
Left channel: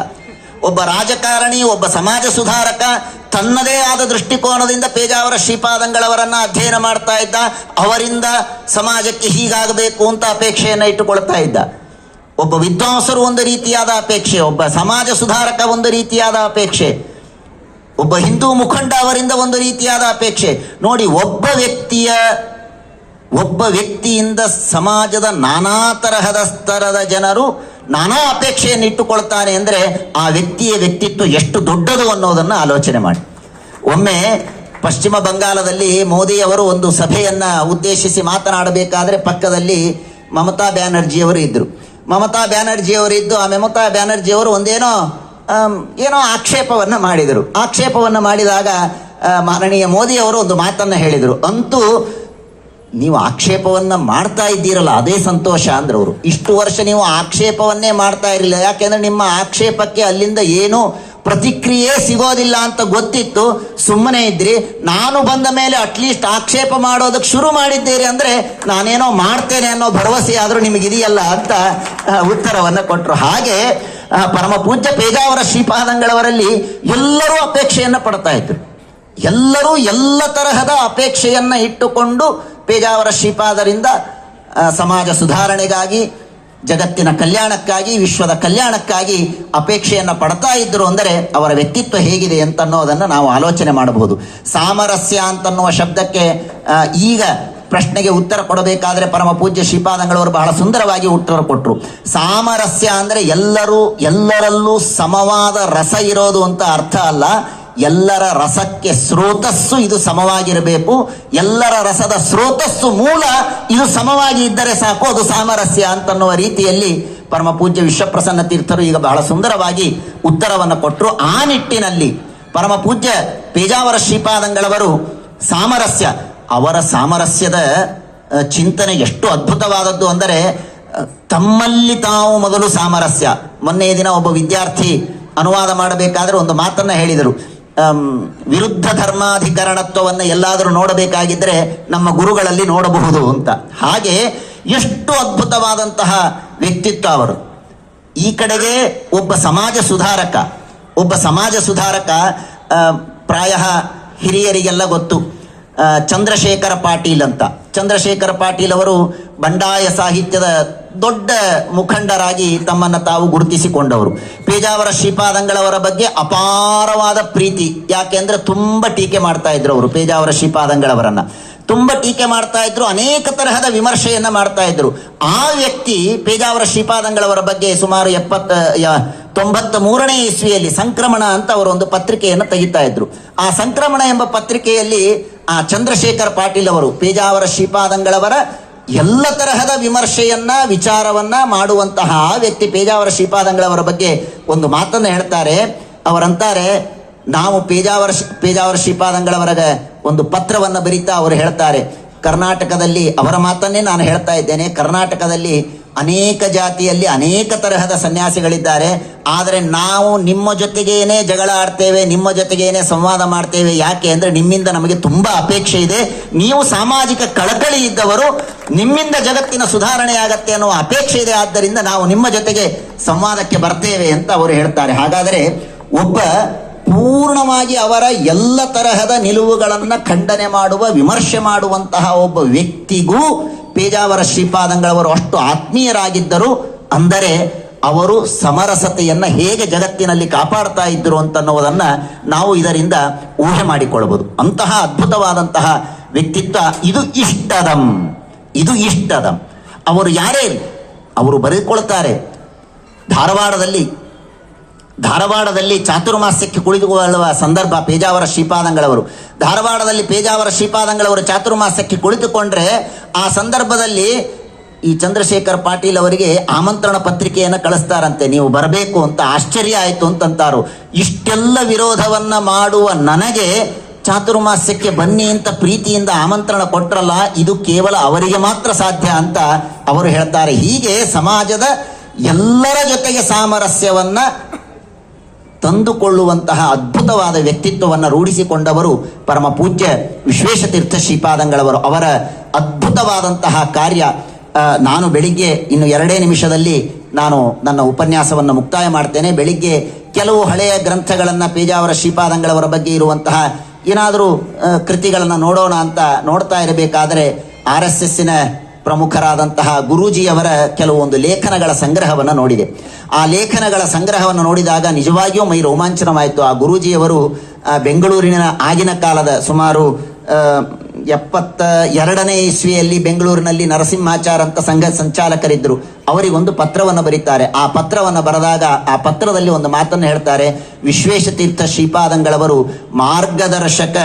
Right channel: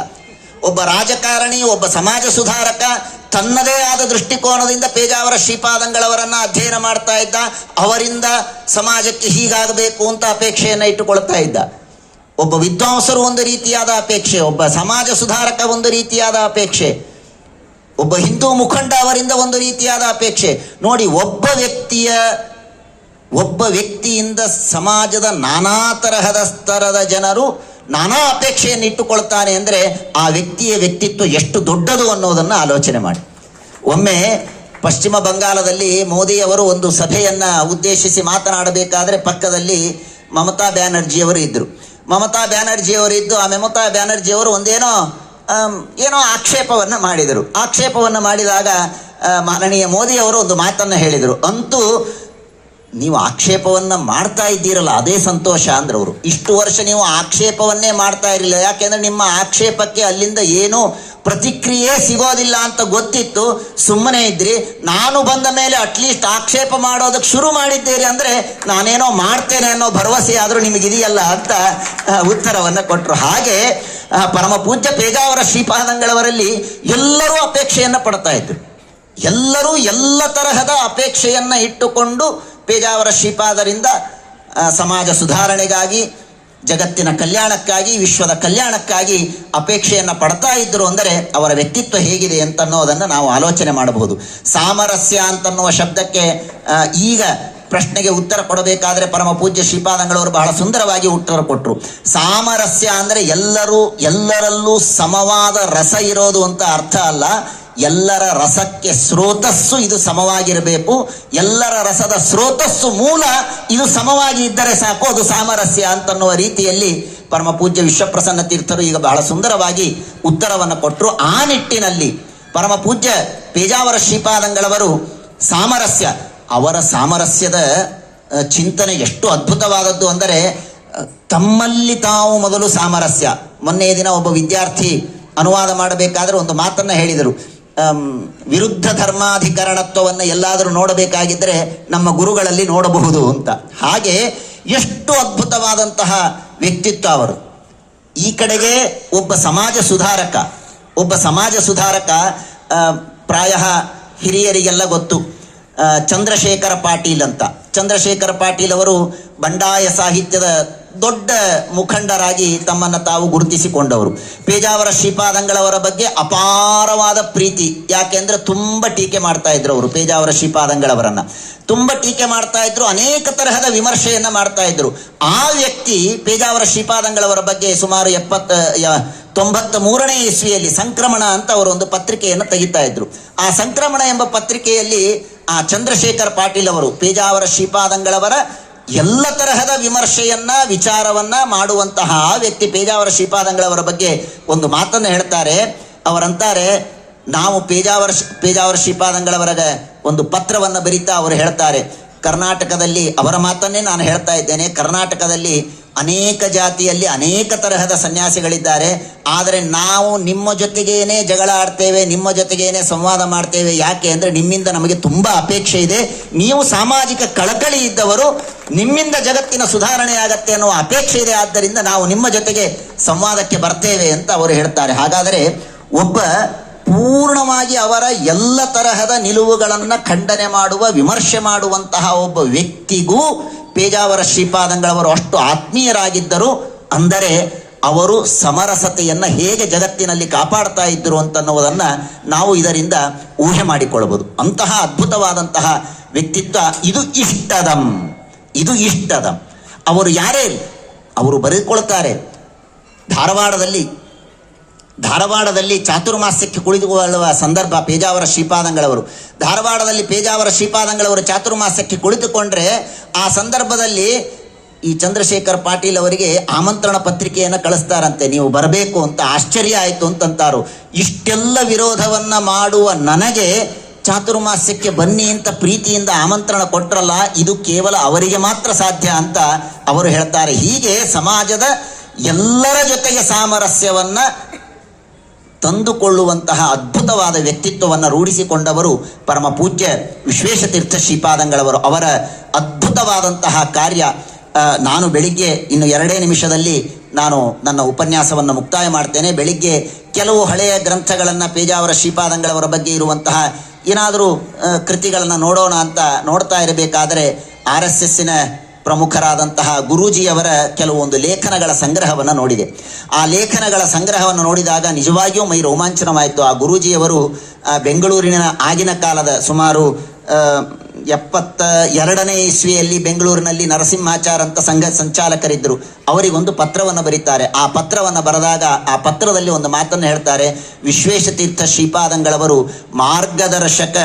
ಒಬ್ಬ ರಾಜಕಾರಣಿ, ಒಬ್ಬ ಸಮಾಜ ಸುಧಾರಕ ತನ್ನದೇ ಆದ ದೃಷ್ಟಿಕೋನದಿಂದ ಪೇಜಾವರ ಶ್ರೀಪಾದಂಗಳವರನ್ನ ಅಧ್ಯಯನ ಮಾಡ್ತಾ ಇದ್ದ. ಅವರಿಂದ ಸಮಾಜಕ್ಕೆ ಹೀಗಾಗಬೇಕು ಅಂತ ಅಪೇಕ್ಷೆಯನ್ನು ಇಟ್ಟುಕೊಳ್ತಾ ಇದ್ದ. ಒಬ್ಬ ವಿದ್ವಾಂಸರು ಒಂದು ರೀತಿಯಾದ ಅಪೇಕ್ಷೆ, ಒಬ್ಬ ಸಮಾಜ ಸುಧಾರಕ ಒಂದು ರೀತಿಯಾದ ಅಪೇಕ್ಷೆ, ಒಬ್ಬ ಹಿಂದೂ ಮುಖಂಡ ಅವರಿಂದ ಒಂದು ರೀತಿಯಾದ ಅಪೇಕ್ಷೆ. ನೋಡಿ, ಒಬ್ಬ ವ್ಯಕ್ತಿಯ, ಒಬ್ಬ ವ್ಯಕ್ತಿಯಿಂದ ಸಮಾಜದ ನಾನಾ ತರಹದ ಸ್ತರದ ಜನರು ನಾನಾ ಅಪೇಕ್ಷೆಯನ್ನು ಇಟ್ಟುಕೊಳ್ತಾನೆ ಅಂದರೆ ಆ ವ್ಯಕ್ತಿಯ ವ್ಯಕ್ತಿತ್ವ ಎಷ್ಟು ದೊಡ್ಡದು ಅನ್ನೋದನ್ನು ಆಲೋಚನೆ ಮಾಡಿ. ಒಮ್ಮೆ ಪಶ್ಚಿಮ ಬಂಗಾಳದಲ್ಲಿ ಮೋದಿ ಅವರು ಒಂದು ಸಭೆಯನ್ನು ಉದ್ದೇಶಿಸಿ ಮಾತನಾಡಬೇಕಾದ್ರೆ ಪಕ್ಕದಲ್ಲಿ ಮಮತಾ ಬ್ಯಾನರ್ಜಿಯವರು ಇದ್ದರು ಮಮತಾ ಬ್ಯಾನರ್ಜಿಯವರು ಇದ್ದು ಆ ಮಮತಾ ಬ್ಯಾನರ್ಜಿಯವರು ಒಂದೇನೋ ಏನೋ ಆಕ್ಷೇಪವನ್ನು ಮಾಡಿದರು. ಆಕ್ಷೇಪವನ್ನು ಮಾಡಿದಾಗ ಮಾನನೀಯ ಮೋದಿ ಅವರು ಒಂದು ಮಾತನ್ನು ಹೇಳಿದರು. ಅಂತೂ, ನೀವು ಆಕ್ಷೇಪವನ್ನು ಮಾಡ್ತಾ ಇದ್ದೀರಲ್ಲ, ಅದೇ ಸಂತೋಷ ಅಂದ್ರೆ ಅವರು ಇಷ್ಟು ವರ್ಷ ನೀವು ಆಕ್ಷೇಪವನ್ನೇ ಮಾಡ್ತಾ ಇರಲಿಲ್ಲ. ಯಾಕೆಂದ್ರೆ ನಿಮ್ಮ ಆಕ್ಷೇಪಕ್ಕೆ ಅಲ್ಲಿಂದ ಏನು ಪ್ರತಿಕ್ರಿಯೆ ಸಿಗೋದಿಲ್ಲ ಅಂತ ಗೊತ್ತಿತ್ತು, ಸುಮ್ಮನೆ ಇದ್ರಿ. ನಾನು ಬಂದ ಮೇಲೆ ಅಟ್ಲೀಸ್ಟ್ ಆಕ್ಷೇಪ ಮಾಡೋದಕ್ಕೆ ಶುರು ಮಾಡಿದ್ದೀರಿ ಅಂದ್ರೆ ನಾನೇನೋ ಮಾಡ್ತೇನೆ ಅನ್ನೋ ಭರವಸೆ ಆದರೂ ನಿಮಗಿದೆಯಲ್ಲ ಅಂತ ಉತ್ತರವನ್ನು ಕೊಟ್ಟರು ಹಾಗೆ ಪರಮ ಪೂಜ್ಯ ಪೇಜಾವರ ಶ್ರೀಪಾದಂಗಳವರಲ್ಲಿ ಎಲ್ಲರೂ ಅಪೇಕ್ಷೆಯನ್ನು ಪಡ್ತಾ ಇದ್ರು. ಎಲ್ಲರೂ ಎಲ್ಲ ತರಹದ ಅಪೇಕ್ಷೆಯನ್ನ ಇಟ್ಟುಕೊಂಡು ಪೇಜಾವರ ಶ್ರೀಪಾದರಿಂದ ಸಮಾಜ ಸುಧಾರಣೆಗಾಗಿ ಜಗತ್ತಿನ ಕಲ್ಯಾಣಕ್ಕಾಗಿ, ವಿಶ್ವದ ಕಲ್ಯಾಣಕ್ಕಾಗಿ ಅಪೇಕ್ಷೆಯನ್ನು ಪಡ್ತಾ ಇದ್ದರು ಅಂದರೆ ಅವರ ವ್ಯಕ್ತಿತ್ವ ಹೇಗಿದೆ ಅಂತ ಅನ್ನೋದನ್ನು ನಾವು ಆಲೋಚನೆ ಮಾಡಬಹುದು. ಸಾಮರಸ್ಯ ಅಂತನ್ನುವ ಶಬ್ದಕ್ಕೆ ಈಗ ಪ್ರಶ್ನೆಗೆ ಉತ್ತರ ಕೊಡಬೇಕಾದ್ರೆ ಪರಮ ಪೂಜ್ಯ ಶ್ರೀಪಾದಂಗಳವರು ಬಹಳ ಸುಂದರವಾಗಿ ಉತ್ತರ ಕೊಟ್ಟರು ಸಾಮರಸ್ಯ ಅಂದರೆ ಎಲ್ಲರೂ, ಎಲ್ಲರಲ್ಲೂ ಸಮವಾದ ರಸ ಇರೋದು ಅಂತ ಅರ್ಥ ಅಲ್ಲ. ಎಲ್ಲರ ರಸಕ್ಕೆ ಸ್ರೋತಸ್ಸು ಇದು ಸಮವಾಗಿರಬೇಕು. ಎಲ್ಲರ ರಸದ ಸ್ರೋತಸ್ಸು ಮೂಲ ಇದು ಸಮವಾಗಿ ಇದ್ದರೆ ಸಾಕು, ಅದು ಸಾಮರಸ್ಯ ಅಂತನ್ನುವ ರೀತಿಯಲ್ಲಿ ಪರಮ ಪೂಜ್ಯ ವಿಶ್ವಪ್ರಸನ್ನ ತೀರ್ಥರು ಈಗ ಬಹಳ ಸುಂದರವಾಗಿ ಉತ್ತರವನ್ನು ಕೊಟ್ಟರು ಆ ನಿಟ್ಟಿನಲ್ಲಿ ಪರಮ ಪೂಜ್ಯ ಪೇಜಾವರ ಶ್ರೀಪಾದಂಗಳವರು ಸಾಮರಸ್ಯ, ಅವರ ಸಾಮರಸ್ಯದ ಚಿಂತನೆ ಎಷ್ಟು ಅದ್ಭುತವಾದದ್ದು ಅಂದರೆ ತಮ್ಮಲ್ಲಿ ತಾವು ಮೊದಲು ಸಾಮರಸ್ಯ. ಮೊನ್ನೆಯ ದಿನ ಒಬ್ಬ ವಿದ್ಯಾರ್ಥಿ ಅನುವಾದ ಮಾಡಬೇಕಾದ್ರೆ ಒಂದು ಮಾತನ್ನ ಹೇಳಿದರು. ವಿರುದ್ಧ ಧರ್ಮಾಧಿಕರಣತ್ವವನ್ನು ಎಲ್ಲಾದರೂ ನೋಡಬೇಕಾಗಿದ್ದರೆ ನಮ್ಮ ಗುರುಗಳಲ್ಲಿ ನೋಡಬಹುದು ಅಂತ. ಹಾಗೆ ಎಷ್ಟು ಅದ್ಭುತವಾದಂತಹ ವ್ಯಕ್ತಿತ್ವ ಅವರು. ಈ ಕಡೆಗೆ ಒಬ್ಬ ಸಮಾಜ ಸುಧಾರಕ, ಒಬ್ಬ ಸಮಾಜ ಸುಧಾರಕ ಪ್ರಾಯ ಹಿರಿಯರಿಗೆಲ್ಲ ಗೊತ್ತು. ಚಂದ್ರಶೇಖರ ಪಾಟೀಲ್ ಅಂತ. ಚಂದ್ರಶೇಖರ ಪಾಟೀಲ್ ಅವರು ಬಂಡಾಯ ಸಾಹಿತ್ಯದ ದೊಡ್ಡ ಮುಖಂಡರಾಗಿ ತಮ್ಮನ್ನು ತಾವು ಗುರುತಿಸಿಕೊಂಡವರು. ಪೇಜಾವರ ಶ್ರೀಪಾದಂಗಳವರ ಬಗ್ಗೆ ಅಪಾರವಾದ ಪ್ರೀತಿ. ಯಾಕೆಂದ್ರೆ ತುಂಬ ಟೀಕೆ ಮಾಡ್ತಾ ಇದ್ರು ಅವರು, ಪೇಜಾವರ ಶ್ರೀಪಾದಂಗಳವರನ್ನ. ತುಂಬ ಟೀಕೆ ಮಾಡ್ತಾ ಇದ್ರು, ಅನೇಕ ತರಹದ ವಿಮರ್ಶೆಯನ್ನ ಮಾಡ್ತಾ ಇದ್ರು. ಆ ವ್ಯಕ್ತಿ ಪೇಜಾವರ ಶ್ರೀಪಾದಂಗಳವರ ಬಗ್ಗೆ ಸುಮಾರು ಎಪ್ಪತ್ತ ತೊಂಬತ್ತ ಮೂರನೇ ಇಸ್ವಿಯಲ್ಲಿ ಸಂಕ್ರಮಣ ಅಂತ ಅವರು ಒಂದು ಪತ್ರಿಕೆಯನ್ನು ತೆಗಿತಾ ಇದ್ರು. ಆ ಸಂಕ್ರಮಣ ಎಂಬ ಪತ್ರಿಕೆಯಲ್ಲಿ ಆ ಚಂದ್ರಶೇಖರ್ ಪಾಟೀಲ್ ಅವರು, ಪೇಜಾವರ ಶ್ರೀಪಾದಂಗಳವರ ಎಲ್ಲ ತರಹದ ವಿಮರ್ಶೆಯನ್ನ, ವಿಚಾರವನ್ನ ಮಾಡುವಂತಹ ವ್ಯಕ್ತಿ ಪೇಜಾವರ ಶ್ರೀಪಾದಂಗಳವರ ಬಗ್ಗೆ ಒಂದು ಮಾತನ್ನು ಹೇಳ್ತಾರೆ. ಅವರಂತಾರೆ, ನಾವು ಪೇಜಾವರ ಪೇಜಾವರ ಶ್ರೀಪಾದಂಗಳವರ ಒಂದು ಪತ್ರವನ್ನು ಬರೀತಾ ಅವರು ಹೇಳ್ತಾರೆ. ಕರ್ನಾಟಕದಲ್ಲಿ, ಅವರ ಮಾತನ್ನೇ ನಾನು ಹೇಳ್ತಾ ಇದ್ದೇನೆ, ಕರ್ನಾಟಕದಲ್ಲಿ ಅನೇಕ ಜಾತಿಯಲ್ಲಿ ಅನೇಕ ತರಹದ ಸನ್ಯಾಸಿಗಳಿದ್ದಾರೆ. ಆದರೆ ನಾವು ನಿಮ್ಮ ಜೊತೆಗೇನೆ ಜಗಳ ಆಡ್ತೇವೆ, ನಿಮ್ಮ ಜೊತೆಗೇನೆ ಸಂವಾದ ಮಾಡ್ತೇವೆ. ಯಾಕೆ ಅಂದ್ರೆ ನಿಮ್ಮಿಂದ ನಮಗೆ ತುಂಬಾ ಅಪೇಕ್ಷೆ ಇದೆ. ನೀವು ಸಾಮಾಜಿಕ ಕಳಕಳಿ ಇದ್ದವರು ನಿಮ್ಮಿಂದ ಜಗತ್ತಿನ ಸುಧಾರಣೆ ಆಗತ್ತೆ ಅನ್ನೋ ಅಪೇಕ್ಷೆ ಇದೆ. ಆದ್ದರಿಂದ ನಾವು ನಿಮ್ಮ ಜೊತೆಗೆ ಸಂವಾದಕ್ಕೆ ಬರ್ತೇವೆ ಅಂತ ಅವರು ಹೇಳ್ತಾರೆ. ಹಾಗಾದರೆ ಒಬ್ಬ ಪೂರ್ಣವಾಗಿ ಅವರ ಎಲ್ಲ ತರಹದ ನಿಲುವುಗಳನ್ನು ಖಂಡನೆ ಮಾಡುವ, ವಿಮರ್ಶೆ ಮಾಡುವಂತಹ ಒಬ್ಬ ವ್ಯಕ್ತಿಗೂ ಪೇಜಾವರ ಶ್ರೀಪಾದಂಗಳವರು ಅಷ್ಟು ಆತ್ಮೀಯರಾಗಿದ್ದರು. ಅಂದರೆ ಅವರು ಸಮರಸತೆಯನ್ನು ಹೇಗೆ ಜಗತ್ತಿನಲ್ಲಿ ಕಾಪಾಡ್ತಾ ಇದ್ದರು ಅಂತನ್ನುವುದನ್ನ ನಾವು ಇದರಿಂದ ಊಹೆ ಮಾಡಿಕೊಳ್ಳಬಹುದು. ಅಂತಹ ಅದ್ಭುತವಾದಂತಹ ವ್ಯಕ್ತಿತ್ವ, ಇದು ಇಷ್ಟದಂ. ಇದು ಇಷ್ಟದಂ. ಅವರು ಯಾರೇ, ಅವರು ಬರೆದುಕೊಳ್ತಾರೆ. ಧಾರವಾಡದಲ್ಲಿ ಧಾರವಾಡದಲ್ಲಿ ಚಾತುರ್ಮಾಸ್ಯಕ್ಕೆ ಕುಳಿತುಕೊಳ್ಳುವ ಸಂದರ್ಭ ಪೇಜಾವರ ಶ್ರೀಪಾದಂಗಳವರು. ಧಾರವಾಡದಲ್ಲಿ ಪೇಜಾವರ ಶ್ರೀಪಾದಂಗಳವರು ಚಾತುರ್ಮಾಸ್ಯಕ್ಕೆ ಕುಳಿತುಕೊಂಡ್ರೆ ಆ ಸಂದರ್ಭದಲ್ಲಿ ಈ ಚಂದ್ರಶೇಖರ್ ಪಾಟೀಲ್ ಅವರಿಗೆ ಆಮಂತ್ರಣ ಪತ್ರಿಕೆಯನ್ನು ಕಳಿಸ್ತಾರಂತೆ. ನೀವು ಬರಬೇಕು ಅಂತ ಆಶ್ಚರ್ಯ ಆಯಿತು ಅಂತಂತಾರು. ಇಷ್ಟೆಲ್ಲ ವಿರೋಧವನ್ನ ಮಾಡುವ ನನಗೆ ಚಾತುರ್ಮಾಸ್ಯಕ್ಕೆ ಬನ್ನಿ ಅಂತ ಪ್ರೀತಿಯಿಂದ ಆಮಂತ್ರಣ ಕೊಟ್ರಲ್ಲ, ಇದು ಕೇವಲ ಅವರಿಗೆ ಮಾತ್ರ ಸಾಧ್ಯ ಅಂತ ಅವರು ಹೇಳ್ತಾರೆ. ಹೀಗೆ ಸಮಾಜದ ಎಲ್ಲರ ಜೊತೆಗೆ ಸಾಮರಸ್ಯವನ್ನ ತಂದುಕೊಳ್ಳುವಂತಹ ಅದ್ಭುತವಾದ ವ್ಯಕ್ತಿತ್ವವನ್ನು ರೂಢಿಸಿಕೊಂಡವರು ಪರಮ ಪೂಜ್ಯ ವಿಶ್ವೇಶತೀರ್ಥ ಶ್ರೀಪಾದಂಗಳವರು. ಅವರ ಅದ್ಭುತವಾದಂತಹ ಕಾರ್ಯ ನಾನು ಬೆಳಿಗ್ಗೆ ಇನ್ನು ಎರಡೇ ನಿಮಿಷದಲ್ಲಿ ನಾನು ನನ್ನ ಉಪನ್ಯಾಸವನ್ನು ಮುಕ್ತಾಯ ಮಾಡ್ತೇನೆ. ಬೆಳಿಗ್ಗೆ ಕೆಲವು ಹಳೆಯ ಗ್ರಂಥಗಳನ್ನು ಪೇಜಾವರ ಶ್ರೀಪಾದಂಗಳವರ ಬಗ್ಗೆ ಇರುವಂತಹ ಏನಾದರೂ ಕೃತಿಗಳನ್ನು ನೋಡೋಣ ಅಂತ ನೋಡ್ತಾ ಇರಬೇಕಾದರೆ ಆರ್ ಎಸ್ ಎಸ್ಸಿನ ಪ್ರಮುಖರಾದಂತಹ ಗುರೂಜಿಯವರ ಕೆಲವೊಂದು ಲೇಖನಗಳ ಸಂಗ್ರಹವನ್ನು ನೋಡಿದೆ. ಆ ಲೇಖನಗಳ ಸಂಗ್ರಹವನ್ನು ನೋಡಿದಾಗ ನಿಜವಾಗಿಯೂ ಮೈ ರೋಮಾಂಚನವಾಯಿತು. ಆ ಗುರೂಜಿಯವರು ಬೆಂಗಳೂರಿನ ಆಗಿನ ಕಾಲದ ಸುಮಾರು ಎಪ್ಪತ್ತ ಎರಡನೇ ಇಸ್ವಿಯಲ್ಲಿ ಬೆಂಗಳೂರಿನಲ್ಲಿ ನರಸಿಂಹಾಚಾರ್ ಅಂತ ಸಂಘ ಸಂಚಾಲಕರಿದ್ದರು ಅವರಿಗೊಂದು ಪತ್ರವನ್ನು ಬರೀತಾರೆ. ಆ ಪತ್ರವನ್ನು ಬರೆದಾಗ ಆ ಪತ್ರದಲ್ಲಿ ಒಂದು ಮಾತನ್ನು ಹೇಳ್ತಾರೆ. ವಿಶ್ವೇಶತೀರ್ಥ ಶ್ರೀಪಾದಂಗಳವರು, ಮಾರ್ಗದರ್ಶಕ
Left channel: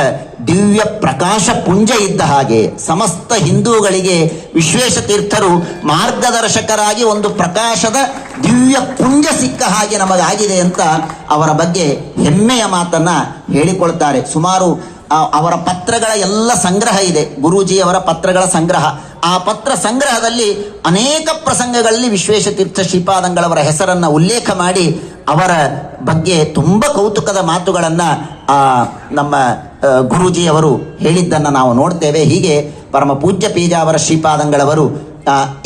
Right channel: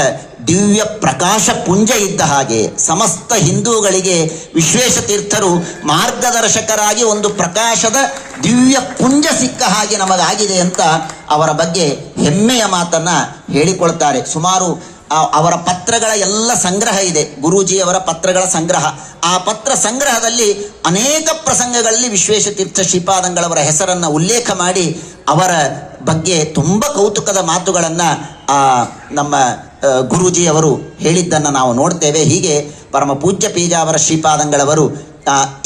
ದಿವ್ಯ ಪ್ರಕಾಶ ಪುಂಜ ಇದ್ದ ಹಾಗೆ ಸಮಸ್ತ ಹಿಂದೂಗಳಿಗೆ ವಿಶ್ವೇಶತೀರ್ಥರು ಮಾರ್ಗದರ್ಶಕರಾಗಿ ಒಂದು ಪ್ರಕಾಶದ ದಿವ್ಯ ಪುಂಜ ಸಿಕ್ಕ ಹಾಗೆ ನಮಗಾಗಿದೆ ಅಂತ ಅವರ ಬಗ್ಗೆ ಹೆಮ್ಮೆಯ ಮಾತನ್ನ ಹೇಳಿಕೊಳ್ತಾರೆ. ಸುಮಾರು ಅವರ ಪತ್ರಗಳ ಎಲ್ಲ ಸಂಗ್ರಹ ಇದೆ. ಗುರೂಜಿಯವರ ಪತ್ರಗಳ ಸಂಗ್ರಹ. ಆ ಪತ್ರ ಸಂಗ್ರಹದಲ್ಲಿ ಅನೇಕ ಪ್ರಸಂಗಗಳಲ್ಲಿ ವಿಶ್ವೇಶತೀರ್ಥ ಶ್ರೀಪಾದಂಗಳವರ ಹೆಸರನ್ನ ಉಲ್ಲೇಖ ಮಾಡಿ ಅವರ ಬಗ್ಗೆ ತುಂಬ ಕೌತುಕದ ಮಾತುಗಳನ್ನು ನಮ್ಮ ಗುರುಜಿ ಗುರೂಜಿಯವರು ಹೇಳಿದ್ದನ್ನು ನಾವು ನೋಡ್ತೇವೆ. ಹೀಗೆ ಪರಮ ಪೂಜ್ಯ ಪೀಜಾವರ ಶ್ರೀಪಾದಂಗಳವರು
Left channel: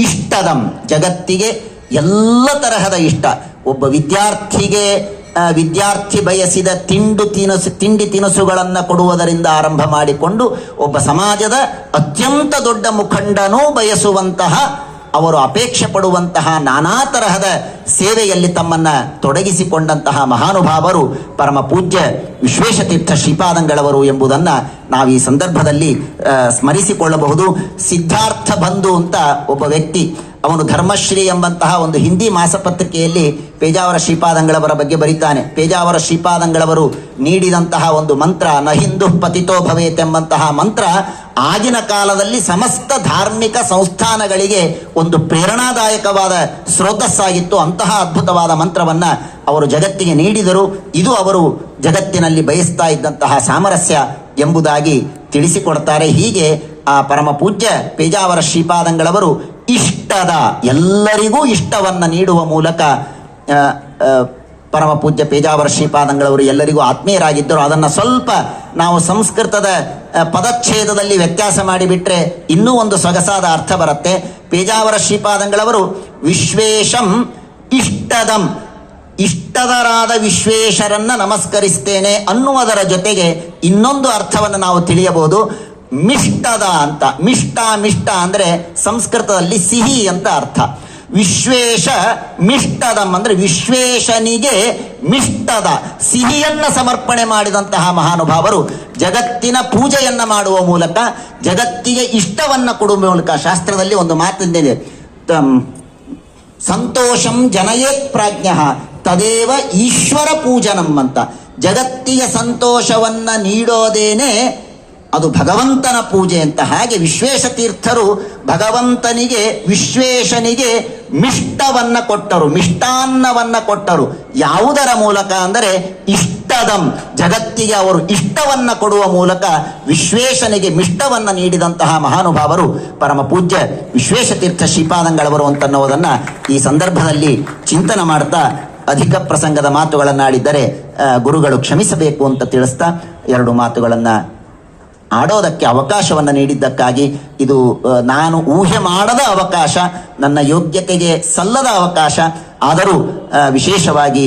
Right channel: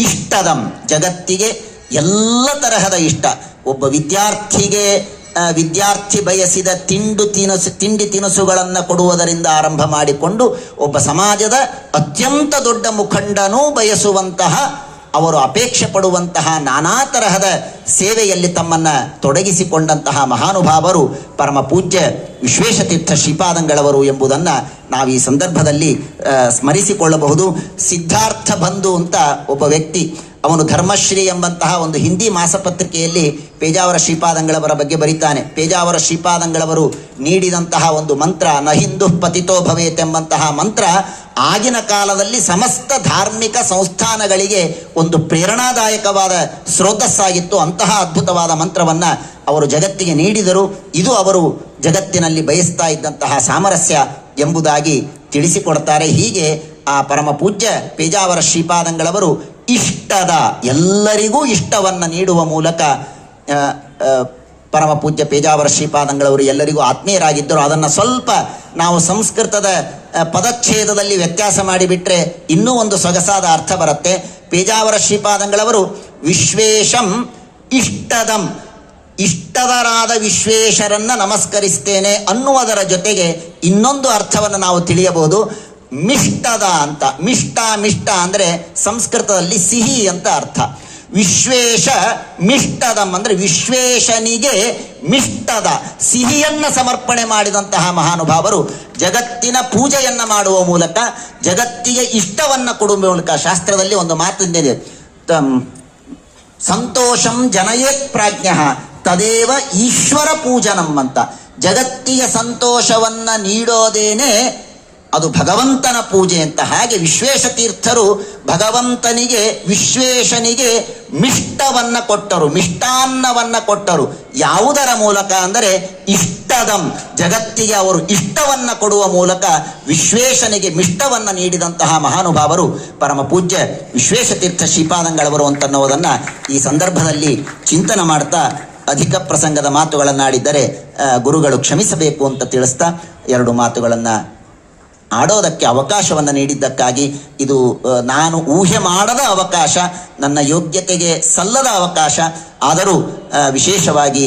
ಇಷ್ಟದಂ ಜಗತ್ತಿಗೆ ಎಲ್ಲ ತರಹದ ಇಷ್ಟ. ಒಬ್ಬ ವಿದ್ಯಾರ್ಥಿಗೆ ವಿದ್ಯಾರ್ಥಿ ಬಯಸಿದ ತಿಂಡು ತಿನಸು, ತಿಂಡಿ ತಿನಸುಗಳನ್ನು ಕೊಡುವುದರಿಂದ ಆರಂಭ ಮಾಡಿಕೊಂಡು ಒಬ್ಬ ಸಮಾಜದ ಅತ್ಯಂತ ದೊಡ್ಡ ಮುಖಂಡನೂ ಬಯಸುವಂತಹ ಅವರು ಅಪೇಕ್ಷೆ ಪಡುವಂತಹ ನಾನಾ ತರಹದ ಸೇವೆಯಲ್ಲಿ ತಮ್ಮನ್ನ ತೊಡಗಿಸಿಕೊಂಡಂತಹ ಮಹಾನುಭಾವರು ಪರಮ ಪೂಜ್ಯ ವಿಶ್ವೇಶತೀರ್ಥ ಶ್ರೀಪಾದಂಗಳವರು ಎಂಬುದನ್ನ ನಾವು ಈ ಸಂದರ್ಭದಲ್ಲಿ ಸ್ಮರಿಸಿಕೊಳ್ಳಬಹುದು. ಸಿದ್ಧಾರ್ಥ ಬಂಧು ಅಂತ ಒಬ್ಬ ವ್ಯಕ್ತಿ, ಅವನು ಧರ್ಮಶ್ರೀ ಎಂಬಂತಹ ಒಂದು ಹಿಂದಿ ಮಾಸಪತ್ರಿಕೆಯಲ್ಲಿ ಪೇಜಾವರ ಶ್ರೀಪಾದಂಗಳವರ ಬಗ್ಗೆ ಬರೀತಾನೆ. ಪೇಜಾವರ ಶ್ರೀಪಾದಂಗಳವರು ನೀಡಿದಂತಹ ಒಂದು ಮಂತ್ರ, ನ ಹಿಂದೂ ಪತಿತೋ ಭವೇತ್ ಎಂಬಂತಹ ಮಂತ್ರ ಆಗಿನ ಕಾಲದಲ್ಲಿ ಸಮಸ್ತ ಧಾರ್ಮಿಕ ಸಂಸ್ಥಾನಗಳಿಗೆ ಒಂದು ಪ್ರೇರಣಾದಾಯಕವಾದ ಸ್ರೋತಸ್ಸಾಗಿತ್ತು. ಅಂತಹ ಅದ್ಭುತವಾದ ಮಂತ್ರವನ್ನ ಅವರು ಜಗತ್ತಿಗೆ ನೀಡಿದರು. ಇದು ಅವರು ಜಗತ್ತಿನಲ್ಲಿ ಬಯಸ್ತಾ ಇದ್ದಂತಹ ಸಾಮರಸ್ಯ ಎಂಬುದಾಗಿ ತಿಳಿಸಿಕೊಡ್ತಾರೆ. ಹೀಗೆ ಆ ಪರಮ ಪೂಜ್ಯ ಪೇಜಾವರ ಶ್ರೀಪಾದಂಗಳವರು ಇಷ್ಟದ ಎಲ್ಲರಿಗೂ ಇಷ್ಟವನ್ನ ನೀಡುವ ಮೂಲಕ ಪರಮ ಪೂಜ್ಯ ಪೇಜಾವರ ಶ್ರೀಪಾದಂಗಳವರು ಎಲ್ಲರಿಗೂ ಆತ್ಮೀಯರಾಗಿದ್ದರು. ಅದನ್ನು ಸ್ವಲ್ಪ ನಾವು ಸಂಸ್ಕೃತದ ಪದಚ್ಛೇದದಲ್ಲಿ ವ್ಯತ್ಯಾಸ ಮಾಡಿಬಿಟ್ರೆ ಇನ್ನೂ ಒಂದು ಸೊಗಸಾದ ಅರ್ಥ ಬರುತ್ತೆ. ಪೇಜಾವರ ಶ್ರೀಪಾದಂಗಳವರು ವಿಶ್ವೇಶಂ ಇಷ್ಟದಂ, ಇಷ್ಟದರಾದ ವಿಶ್ವೇಶರನ್ನ ನಮಸ್ಕರಿಸ್ತೇನೆ ಅನ್ನುವುದರ ಜೊತೆಗೆ ಇನ್ನೊಂದು ಅರ್ಥವನ್ನು ನಾವು ತಿಳಿಯಬಹುದು. ಮಿಷ್ಟದ ಅಂತ, ಮಿಷ್ಟ ಮಿಷ್ಟ ಅಂದ್ರೆ ಸಂಸ್ಕೃತದಲ್ಲಿ ಸಿಹಿ ಅಂತ ಅರ್ಥ. ವಿಶ್ವೇಶ ಮಿಷ್ಟದಂ ಅಂದ್ರೆ ವಿಶ್ವೇಶನಿಗೆ ಮಿಷ್ಟದ ಸಿಹಿಯನ್ನ ಸಮರ್ಪಣೆ ಮಾಡಿದಂತಹ ಮಹಾನುಭಾವರು ಜಗತ್ತಿನ ಪೂಜೆಯನ್ನ ಮಾಡುವ ಮೂಲಕ ಜಗತ್ತಿಗೆ ಇಷ್ಟವನ್ನ ಕೊಡುವ ಮೂಲಕ ಶಾಸ್ತ್ರದಲ್ಲಿ ಒಂದು ಮಾತಿದೆ ತಮ್- ಸಂತೋಷಂ ಜನಯೇತ್ ಪ್ರಾಜ್ಞ ತದೇವ ಈಶ್ವರ ಪೂಜನಂ ಅಂತ. ಜಗತ್ತಿಗೆ ಸಂತೋಷವನ್ನ ನೀಡೋದೇನೆ ಅದು ಭಗವಂತನ ಪೂಜೆ ಅಂತ ಹಾಗೆ ವಿಶ್ವೇಶ ತೀರ್ಥರು ಭಗವಂತನಿಗೆ, ವಿಶ್ವೇಶನಿಗೆ ಮಿಷ್ಟವನ್ನ ಕೊಟ್ಟರು, ಮಿಷ್ಟಾನ್ನವನ್ನ ಕೊಟ್ಟರು. ಯಾವುದರ ಮೂಲಕ ಅಂದರೆ ಇಷ್ಟದಂ, ಜಗತ್ತಿಗೆ ಅವರು ಇಷ್ಟವನ್ನ ಕೊಡುವ ಮೂಲಕ ವಿಶ್ವೇಶನಿಗೆ ಮಿಷ್ಟವನ್ನ ನೀಡಿದಂತಹ ಮಹಾನುಭಾವರು ಪರಮ ಪೂಜ್ಯ ವಿಶ್ವೇಶತೀರ್ಥ ಶ್ರೀಪಾದಂಗಳವರು ಅಂತನ್ನುವುದನ್ನ ಈ ಸಂದರ್ಭದಲ್ಲಿ ಚಿಂತನೆ ಮಾಡ್ತಾ ಅಧಿಕ ಪ್ರಸಂಗದ ಮಾತುಗಳನ್ನಾಡಿದ್ದರೆ ಗುರುಗಳು ಕ್ಷಮಿಸಬೇಕು ಅಂತ ತಿಳಿಸ್ತಾ ಎರಡು ಮಾತುಗಳನ್ನ ಆಡೋದಕ್ಕೆ ಅವಕಾಶವನ್ನು ನೀಡಿದ್ದಕ್ಕಾಗಿ ಇದು ನಾನು ಊಹೆ ಮಾಡದ ಅವಕಾಶ, ನನ್ನ ಯೋಗ್ಯತೆಗೆ ಸಲ್ಲದ ಅವಕಾಶ, ಆದರೂ ವಿಶೇಷವಾಗಿ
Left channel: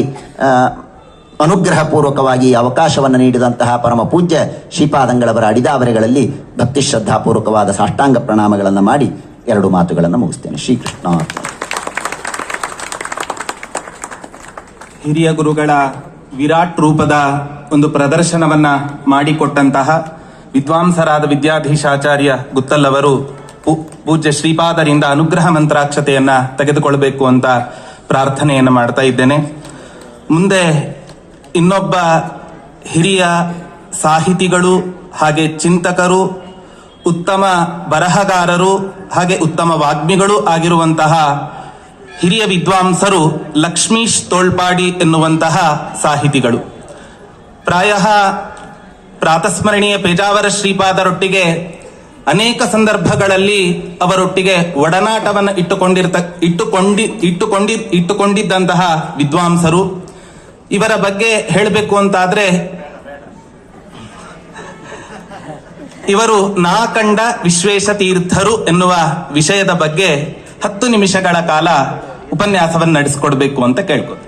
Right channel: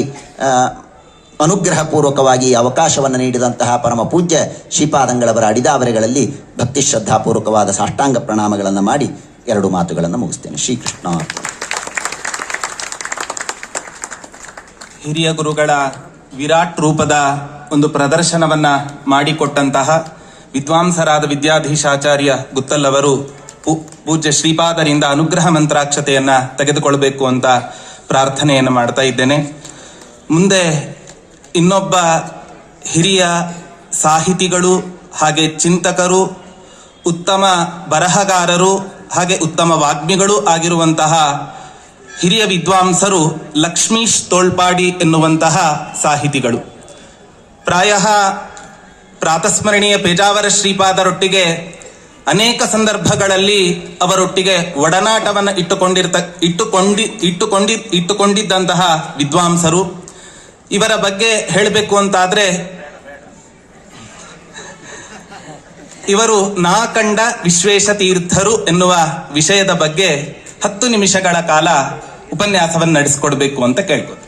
ಅನುಗ್ರಹಪೂರ್ವಕವಾಗಿ ಅವಕಾಶವನ್ನು ನೀಡಿದಂತಹ ಪರಮ ಪೂಜ್ಯ ಶ್ರೀಪಾದಂಗಳವರ ಅಡಿದಾವರೆಗಳಲ್ಲಿ ಭಕ್ತಿ ಶ್ರದ್ಧಾಪೂರ್ವಕವಾದ ಸಾಷ್ಟಾಂಗ ಪ್ರಣಾಮಗಳನ್ನು ಮಾಡಿ ಎರಡು ಮಾತುಗಳನ್ನು ಮುಗಿಸ್ತೇನೆ. ಶ್ರೀಕೃಷ್ಣ. ಹಿರಿಯ ಗುರುಗಳ ವಿರಾಟ್ ರೂಪದ ಒಂದು ಪ್ರದರ್ಶನವನ್ನ ಮಾಡಿಕೊಟ್ಟಂತಹ ವಿದ್ವಾಂಸರಾದ ವಿದ್ಯಾಧೀಶಾಚಾರ್ಯ ಗುತ್ತಲ್ಲವರು ಅವರು ಪೂಜ್ಯ ಶ್ರೀಪಾದರಿಂದ ಅನುಗ್ರಹ ಮಂತ್ರಾಕ್ಷತೆಯನ್ನ ತೆಗೆದುಕೊಳ್ಬೇಕು ಅಂತ ಪ್ರಾರ್ಥನೆಯನ್ನು ಮಾಡ್ತಾ ಇದ್ದೇನೆ. ಮುಂದೆ ಇನ್ನೊಬ್ಬ ಹಿರಿಯ ಸಾಹಿತಿಗಳು, ಹಾಗೆ ಚಿಂತಕರು, ಉತ್ತಮ ಬರಹಗಾರರು, ಹಾಗೆ ಉತ್ತಮ ವಾಗ್ಮಿಗಳು ಆಗಿರುವಂತಹ ಹಿರಿಯ ವಿದ್ವಾಂಸರು ಲಕ್ಷ್ಮೀಶ್ ತೋಳ್ಪಾಡಿ ಎನ್ನುವಂತಹ ಸಾಹಿತಿಗಳು. ಪ್ರಾಯ ಪ್ರಾತಸ್ಮರಣೀಯ ಪೇಜಾವರ ಶ್ರೀಪಾದರೊಟ್ಟಿಗೆ ಅನೇಕ ಸಂದರ್ಭಗಳಲ್ಲಿ ಅವರೊಟ್ಟಿಗೆ ಒಡನಾಟವನ್ನು ಇಟ್ಟುಕೊಂಡಿರ್ತ, ಇಟ್ಟುಕೊಂಡಿ ಇಟ್ಟುಕೊಂಡಿ, ಇಟ್ಟುಕೊಂಡಿದ್ದಂತಹ ವಿದ್ವಾಂಸರು. ಇವರ ಬಗ್ಗೆ ಹೇಳಬೇಕು ಅಂತಾದ್ರೆ, ಇವರು ನಾಕಂಡ ವಿಶ್ವೇಶ ತೀರ್ಥರು ಎನ್ನುವ ವಿಷಯದ ಬಗ್ಗೆ ಹತ್ತು ನಿಮಿಷಗಳ ಕಾಲ ಉಪನ್ಯಾಸವನ್ನು ನಡೆಸಿಕೊಡ್ಬೇಕು ಅಂತ ಕೇಳ್ಕೊ